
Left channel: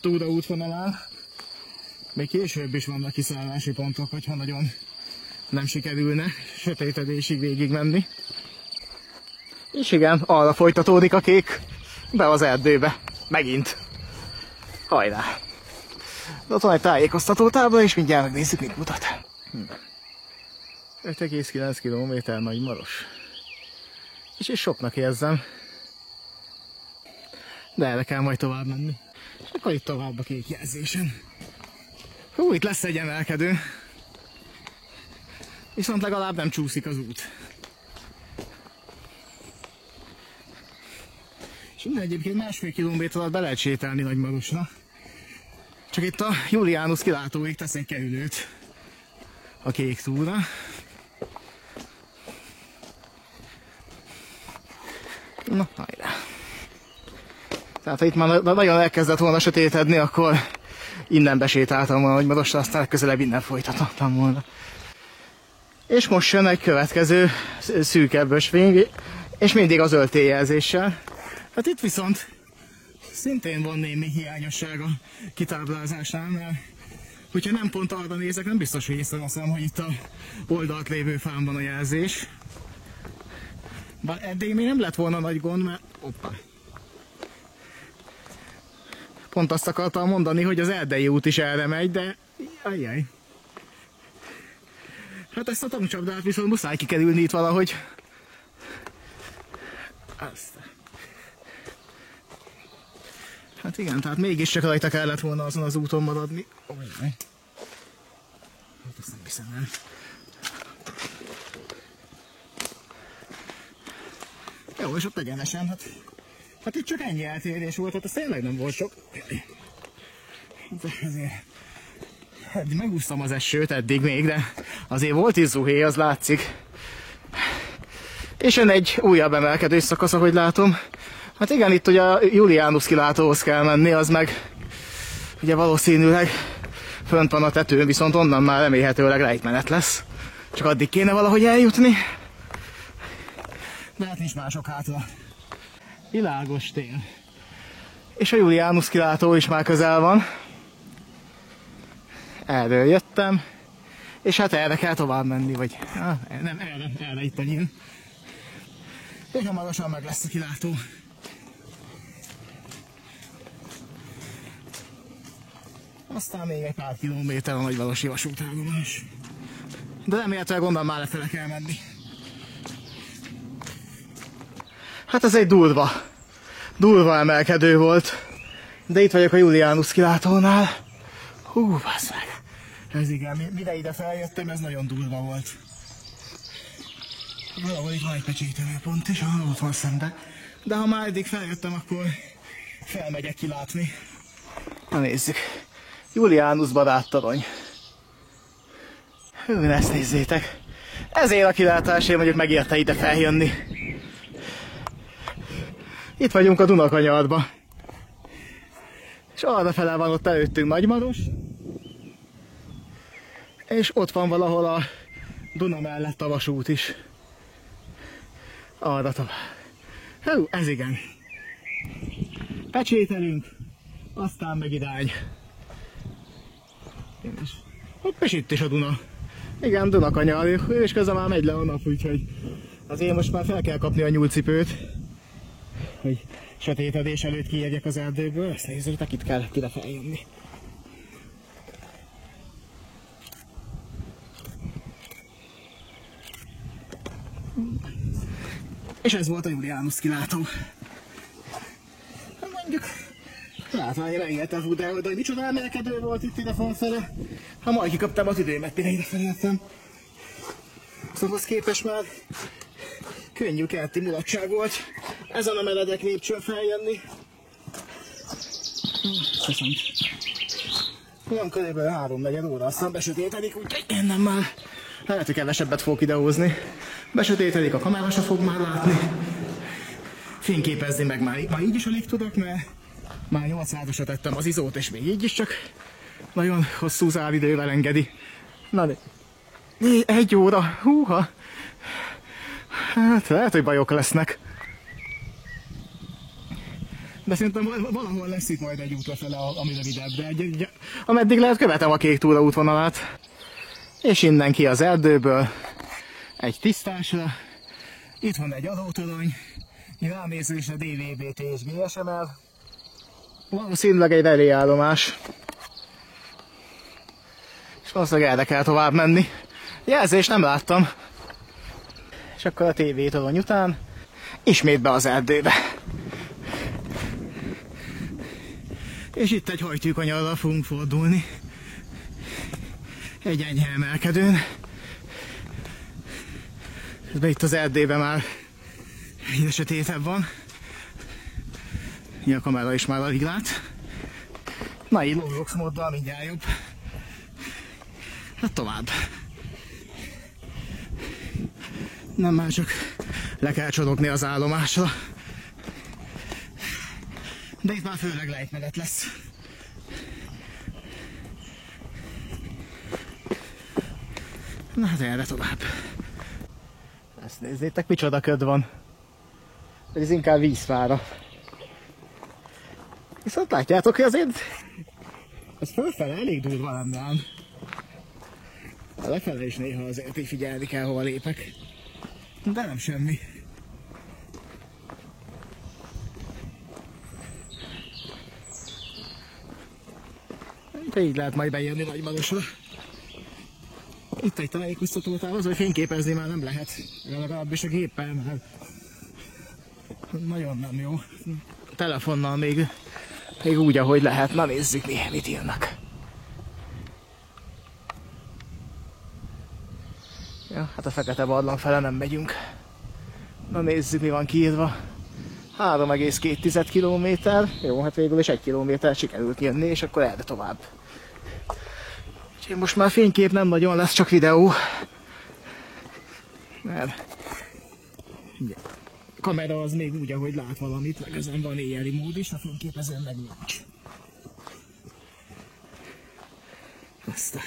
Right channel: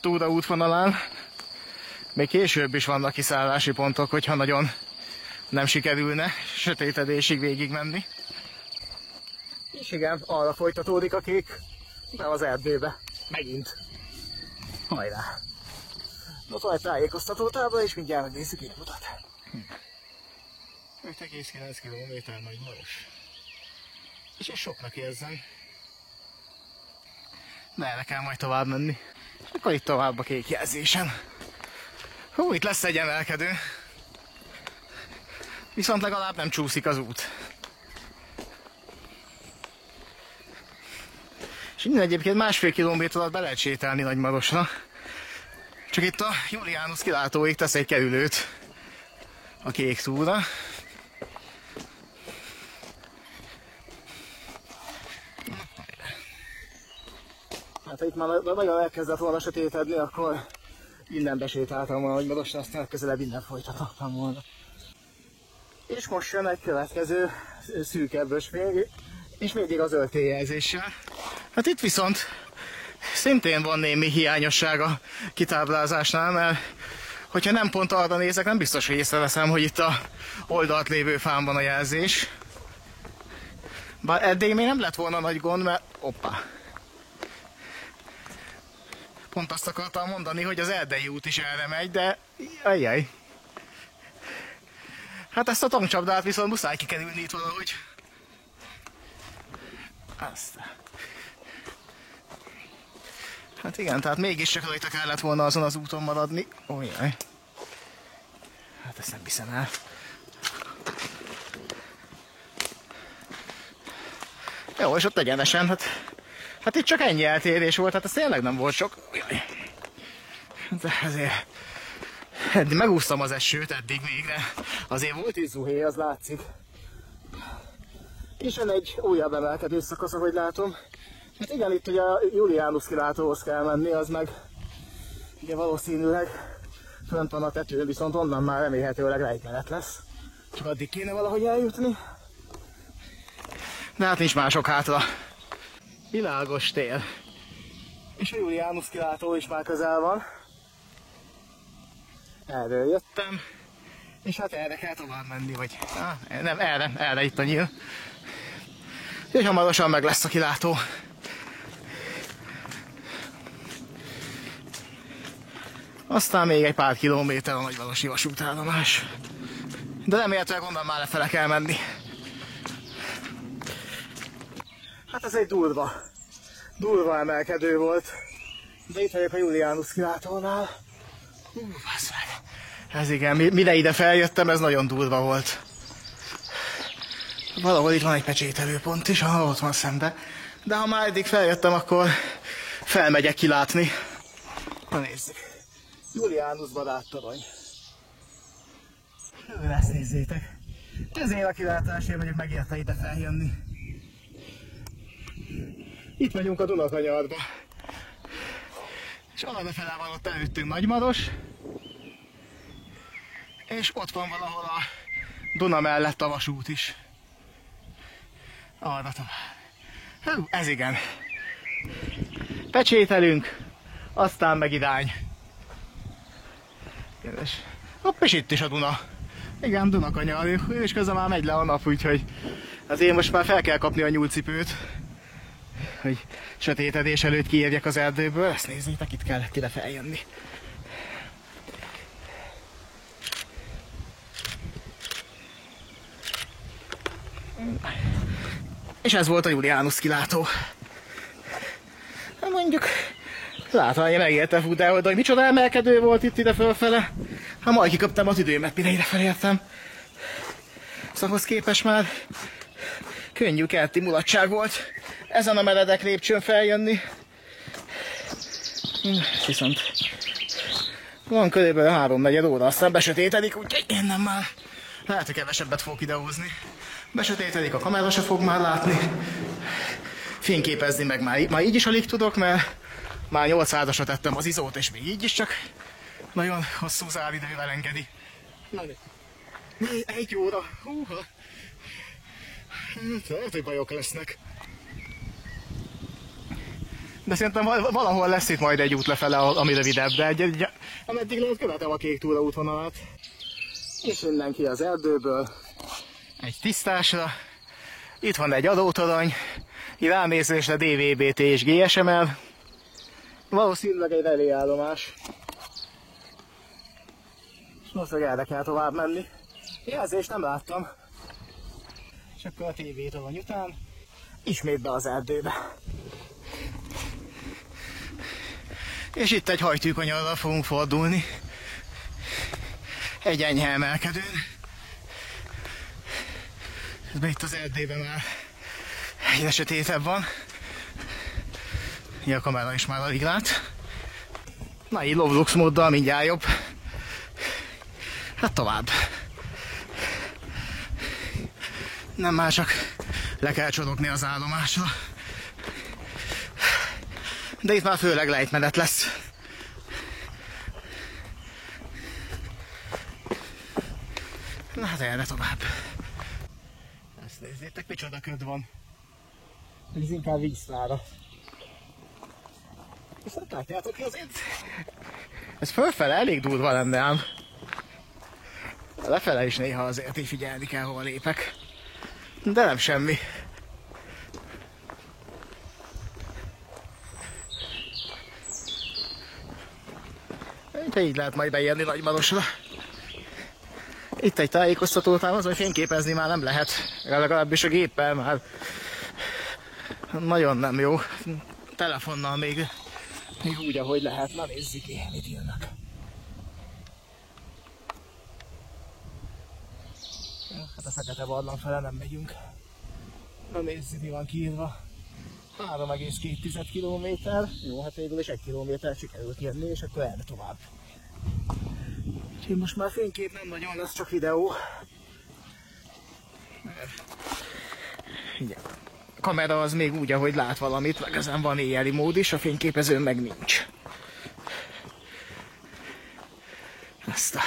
túra útvonalán. Még később is vannak kiszállási pontok, hogyha nagyon nem sikerülne sötétedésig végig menni. És igen, arra folytatódik a kék, be az erdőbe. Megint. Hajrá! De ott van egy tájékoztatótábla, és mindjárt megnézzük, mit mutat. 5,9 km Nagymaros. És soknak érzem. De erre kell majd tovább menni. És akkor itt tovább a kék jelzésen. Hú, itt lesz egy emelkedő. Viszont legalább nem csúszik az út. És innen egyébként 1,5 kilométer alatt be lehet sétálni Nagymarosra. Csak itt a Julianus kilátóig tesz egy kerülőt a kék túra. Na, hajrá. Tehát ha itt már nagyon elkezdett volna sötétedni, akkor innen besétáltam volna Nagymarosra, aztán közelebb innen folytatottam volna. És most jön egy következő szűkebb ösvény, és mindig az zöld jelzéssel. Hát itt viszont szintén van némi hiányosság a kitáblázásnál, mert hogyha nem pont arra nézek, nem biztos, hogy észreveszem, hogy itt a oldalt lévő fán van a jelzés. Bár eddig még nem lett volna nagy gond, mert... Hoppá! Pont azt akartam mondani, hogy az Erdei út is erre megy, de... Ajjaj! Hát ezt a tankcsapdát viszont muszáj kikerülni itt valahogy. Aztán. Hát igen, tehát mégiscsak rajta kellett volna azon az úton maradni. Ojjaj. Hát ezt nem hiszem el. Jó, és ott egyenesen, hát itt csak ennyi eltérés volt, hát ez tényleg nem volt sok. Ojjaj. De ezért... Megúsztam az esőt eddig még, de azért volt is zuhé, az látszik. És jön egy újabb emelkedés szakasz, ahogy látom. Hát igen, itt ugye a Julianus kilátóhoz kell menni, az meg ugye valószínűleg fönt van a tetőn, viszont onnan már remélhetőleg rejtmenet lesz. Csak addig kéne valahogy eljutni. De hát nincs mások hátra. Világos tél. És a Julianus kilátó is már közel van. Erről jöttem, és hát erre kell tovább menni, vagy nem, erre itt a nyíl. És hamarosan meg lesz a kilátó. Aztán még egy pár kilométer a Nagymarosi vasútállomás. De remélhetőleg onnan már lefele kell menni. Hát ez egy durva emelkedő volt. De itt vagyok a Julianus kilátónál. Hú, bassz meg. Ez igen, mire ide feljöttem, ez nagyon durva volt. Valahol itt van egy pecsételőpont is, ahol ott van szembe. De ha már eddig feljöttem, akkor felmegyek kilátni. Na nézzük. Julianus baráttorony. Hú, ezt nézzétek. Ezért a kilátásért mondjuk megérte ide feljönni. Itt vagyunk a Dunakanyarba. És arrafele van ott előttünk Nagymaros. És ott van valahol a Duna mellett a vasút is. Arra tovább. Hú, ez igen. Pecsételünk, aztán meg irány. Hopp, és itt is a Duna. Igen, Dunakanyar, és közben már megy le a nap, úgyhogy azért most már fel kell kapni a nyúlcipőt, hogy sötétedés előtt kiérjek az erdőből. Ezt nézzétek, itt kellett ide feljönni. És ez volt a Julianus kilátó. Hát mondjuk, látom, hogy megértem, fú, de hogy micsoda emelkedő volt itt ide fölfele. Hát majd kikaptam a tüdőmet, mire ide felértem. Szóval ahhoz képest már könnyű kerti mulatság volt ezen a meredek lépcsőn feljönni. Viszont van körülbelül 3-4 óra, aztán besötétedik, úgyhogy innen már lehet, hogy kevesebbet fogok idehozni. Besötétedik, a kamera se fog már látni. Fényképezni meg már így is alig tudok, mert már 800-asra tettem az izót, és még így is csak nagyon hosszú záridővel engedi. Na de 1 óra, húha. Hát lehet, hogy bajok lesznek. De szerintem valahol lesz itt majd egy út lefele, ami rövidebb, de ameddig lehet követem a Kék túra útvonalát. És innen ki az erdőből, egy tisztásra. Itt van egy adótorony, ránézésre DVB-T és GSM-el. Valószínűleg egy reléállomás. És valószínűleg erre kell tovább menni. Jelzést nem láttam. És akkor a TV torony után ismét be az erdőbe. És itt egy hajtűkanyarral fogunk fordulni. Egy enyhe emelkedőn. De itt az erdőben már egyre sötétebb van. A kamera is már alig lát. Na így Lovlux móddal mindjárt jobb. Hát tovább. Nem már csak le kell csorogni az állomásra. De itt már főleg lejtmenet lesz. Na hát erre tovább. Ezt nézzétek, micsoda köd van. Ez inkább vízfára. Viszont látjátok, hogy azért ez fölfele elég durva lenne ám. Lefele is néha azért így figyelni kell, hova lépek. De nem semmi. Így lehet majd beérni Nagymarosra. Itt egy tájékoztatótál az, hogy fényképezni már nem lehet. Legalábbis a géppel már nagyon nem jó. Telefonnal még úgy, ahogy lehet. Na nézzük, mit írnak. Ja, hát a Fekete Barlang fele nem megyünk. Na nézzük, mi van kiírva. 3,2 kilométer. Jó, hát végül is 1 kilométer sikerült jönni, és akkor erre tovább. Úgyhogy most már fénykép nem nagyon lesz, csak videó. Mert a kamera az még úgy, ahogy lát valamit, meg ezen van éjjeli mód is, a fényképezőn meg nincs. Ezt a...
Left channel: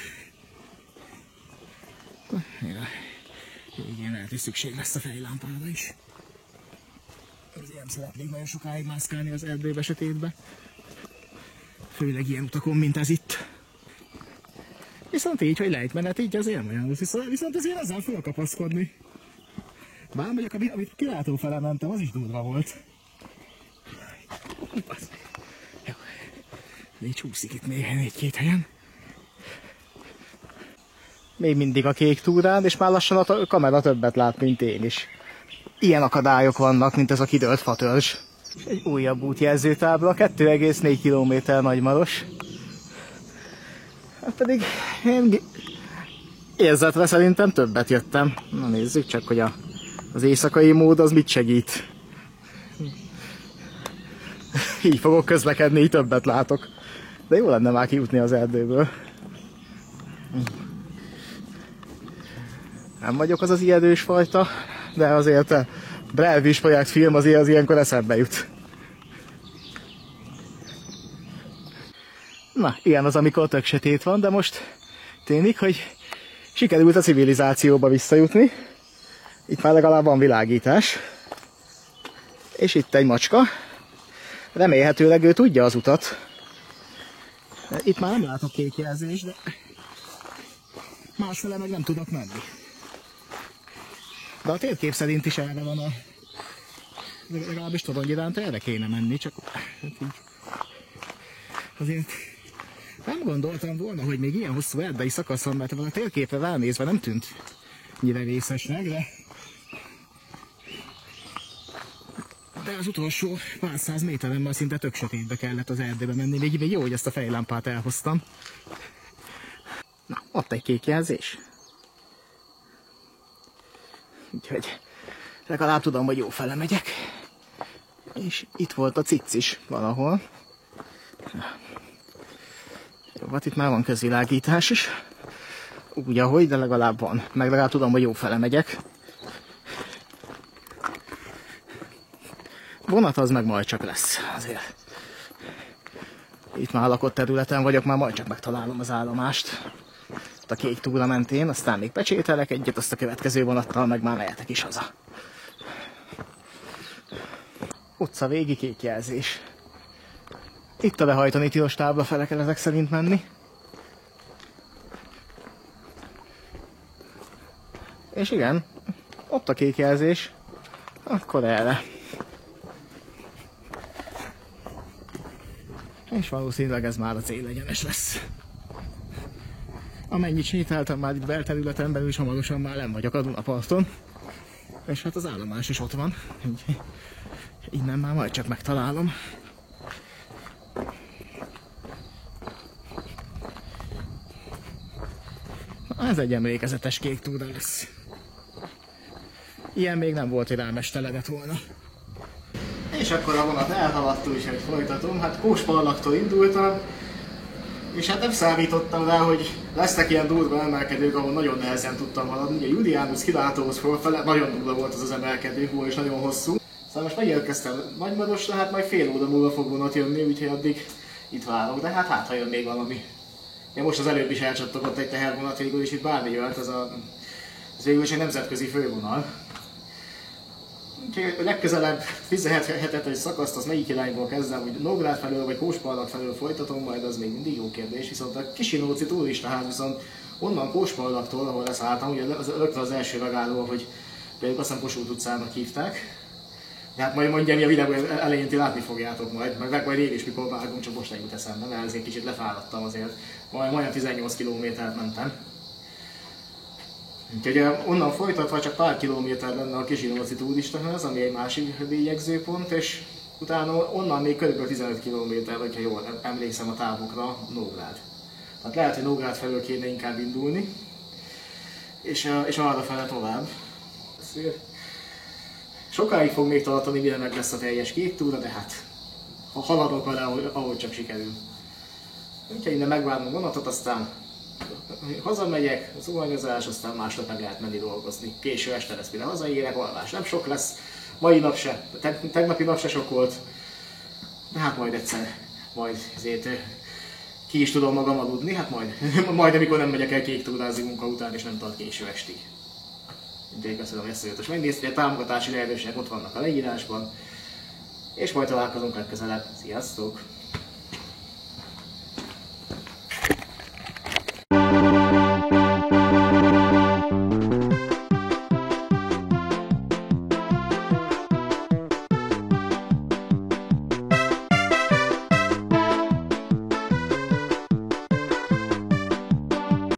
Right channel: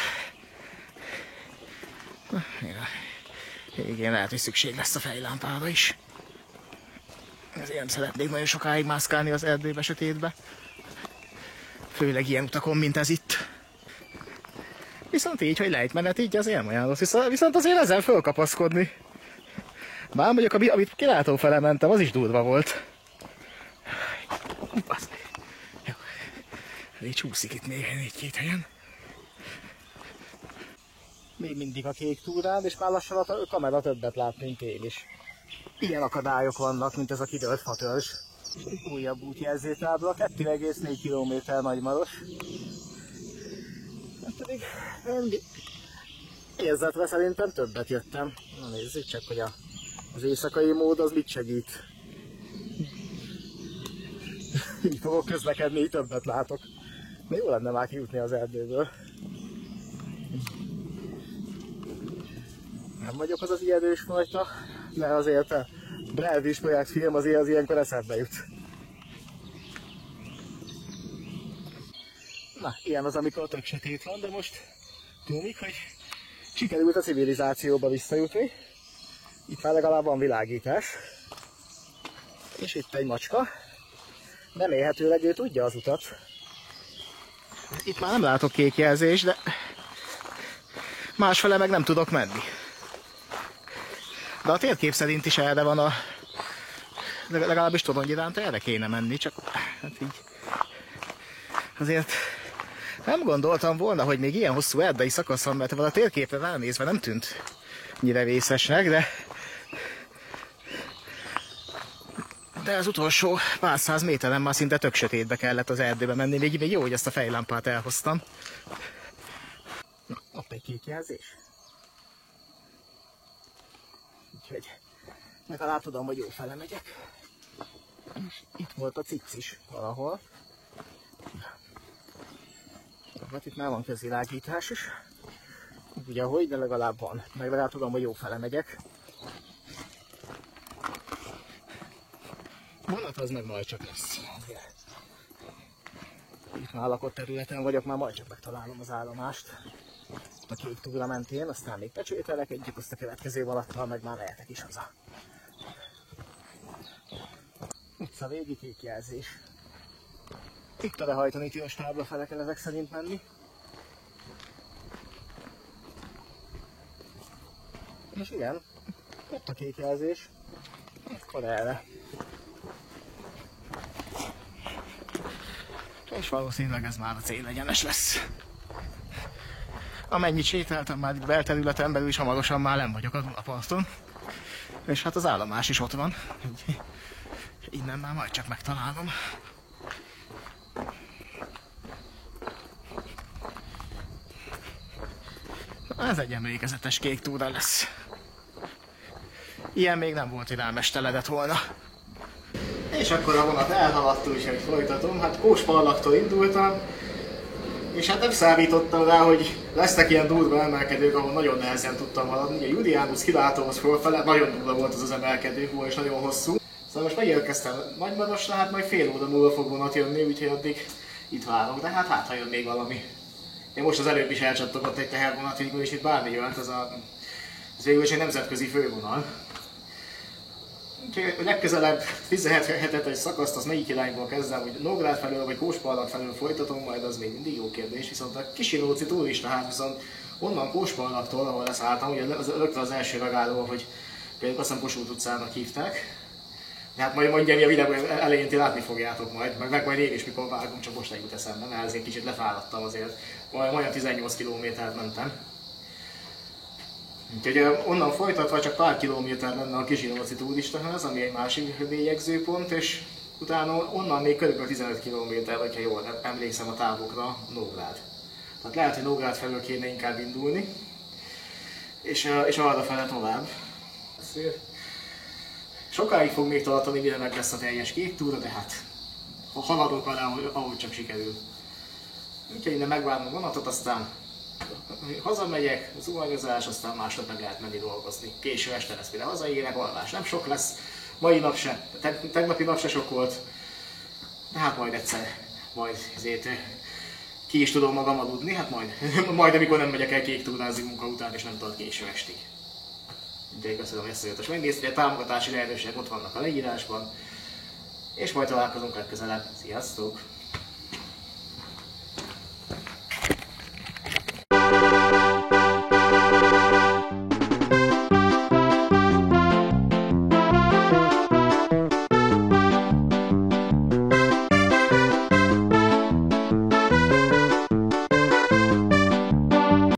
Igen, lehet, hogy szükség lesz a fejlámpára is. Ezért nem szeretnék nagyon sokáig mászkálni az erdőbe, sötétbe. Főleg ilyen utakon, mint ez itt. Viszont így, hogy lejtmenet, így azért nem olyan rossz. Viszont azért ezzel fölkapaszkodni. Bár mondjuk, amit kilátó fele mentem, az is durva volt. Jó. Így csúszik itt még 1-2 helyen. Még mindig a Kék túrán, és már lassan a kamera többet lát, mint én is. Ilyen akadályok vannak, mint ez a kidőlt fatörzs. Egy újabb útjelzőtábla, 2,4 km Nagymaros. Hát pedig én érzetre szerintem többet jöttem. Na nézzük csak, hogy az éjszakai mód az mit segít. Így fogok közlekedni, így többet látok. De jó lenne már kijutni az erdőből. Nem vagyok az ijedős fajta, de azért a Blair Witch Projekt film azért az ilyenkor eszembe jut. Na, ilyen az, amikor tök sötét van, de most tűnik, hogy Sikerült a civilizációba visszajutni. Itt már legalább van világítás. És itt egy macska. Remélhetőleg ő tudja az utat. Itt már nem látok kék jelzést, de másfele meg nem tudok menni. De a térkép szerint is erre van a... Legalábbis Torony iránt erre kéne menni, csak hát így... Azért nem gondoltam volna, hogy még ilyen hosszú erdei szakaszon, mert a térképre ránézve nem tűnt ennyire vészesnek, de az utolsó pár száz méteren már szinte tök sötétbe kellett az erdőbe menni, még jó, hogy ezt a fejlámpát elhoztam. Na, ott egy kék jelzés. Úgyhogy legalább tudom, hogy jó fele megyek. És itt volt a cic is valahol. Jó, hát itt már van közvilágítás is. Úgy, ahogy, de legalább van. Meg legalább tudom, hogy jó fele megyek. Vonat az meg majd csak lesz, azért. Itt már lakott területen vagyok, már majd csak megtalálom az állomást. Ott a kék túra mentén, aztán még pecsételek egyet, azt a következő vonattal meg már mehetek is haza. Utca végi kék jelzés. Itt a behajtani tilos táblafele kell ezek szerint menni. És igen, ott a kék jelzés. Akkor erre. És valószínűleg ez már a célegyenes lesz. Amennyit sétáltam már itt belterületen belül is, hamarosan már nem vagyok a Dunaparton. És hát az állomás is ott van. Innen már majd csak megtalálom. Na, ez egy emlékezetes kék túra lesz. Ilyen még nem volt, hogy rámesteledett volna. És akkor a vonat elhaladt, úgyhogy folytatom. Hát Kóspallaktól indultam, és hát nem számítottam rá, hogy lesznek ilyen durva emelkedők, ahol nagyon nehezen tudtam haladni. Ugye Julianus kilátóhoz fölfele, nagyon durva volt az emelkedő, és nagyon hosszú. Szóval most megérkeztem Nagymarosra, hát majd fél óra múlva fog vonat jönni, úgyhogy addig itt várok, de hát ha jön még valami. Én most az előbb is elcsattogott egy tehervonat végül, és itt bármi jöhet, ez végül is egy nemzetközi fővonal. Úgyhogy a legközelebb 17-es szakaszt, az melyik irányból kezdem, hogy Nógrád felől vagy Kóspallak felől folytatom, majd az még mindig jó kérdés, viszont a Kisinóci turistaház viszont onnan Kóspallaktól, ahol leszálltam, ugye rögtön az első megálló, hogy például azt hiszem Kossuth utcának hívták. De hát majd mondjam, a videó elején ti látni fogjátok majd én is mikor vágom, csak most nem jut eszembe, mert ezért kicsit lefáradtam azért. Majdnem 18 kilométert mentem. Úgyhogy onnan folytatva csak pár kilométer lenne a Kisinóci turistaház, ami egy másik bélyegzőpont, és utána onnan még kb. 15 kilométer, hogyha jól emlékszem a távokra, Nógrád. Tehát lehet, hogy Nógrád felől kéne inkább indulni, és arra fele tovább. Sokáig fog még tartani, mire meg lesz a teljes kék túra, de hát ha haladok vele, ahogy csak sikerül. Úgyhogy innen megvárom a vonatot, aztán hazamegyek, zuhanyozás, aztán másnap meg lehet menni dolgozni. Késő este lesz, mire hazaérek, alvás nem sok lesz. Mai nap se, tegnapi nap se sok volt. De hát majd egyszer, majd ezért ki is tudom magam aludni, hát majd amikor nem megyek el kék túrázni munka után, és nem tart késő estig. Úgyhogy köszönöm, hogy ezt a videót megnéztél, a támogatási lehetőségek ott vannak a leírásban. És majd találkozunk legközelebb. Sziasztok!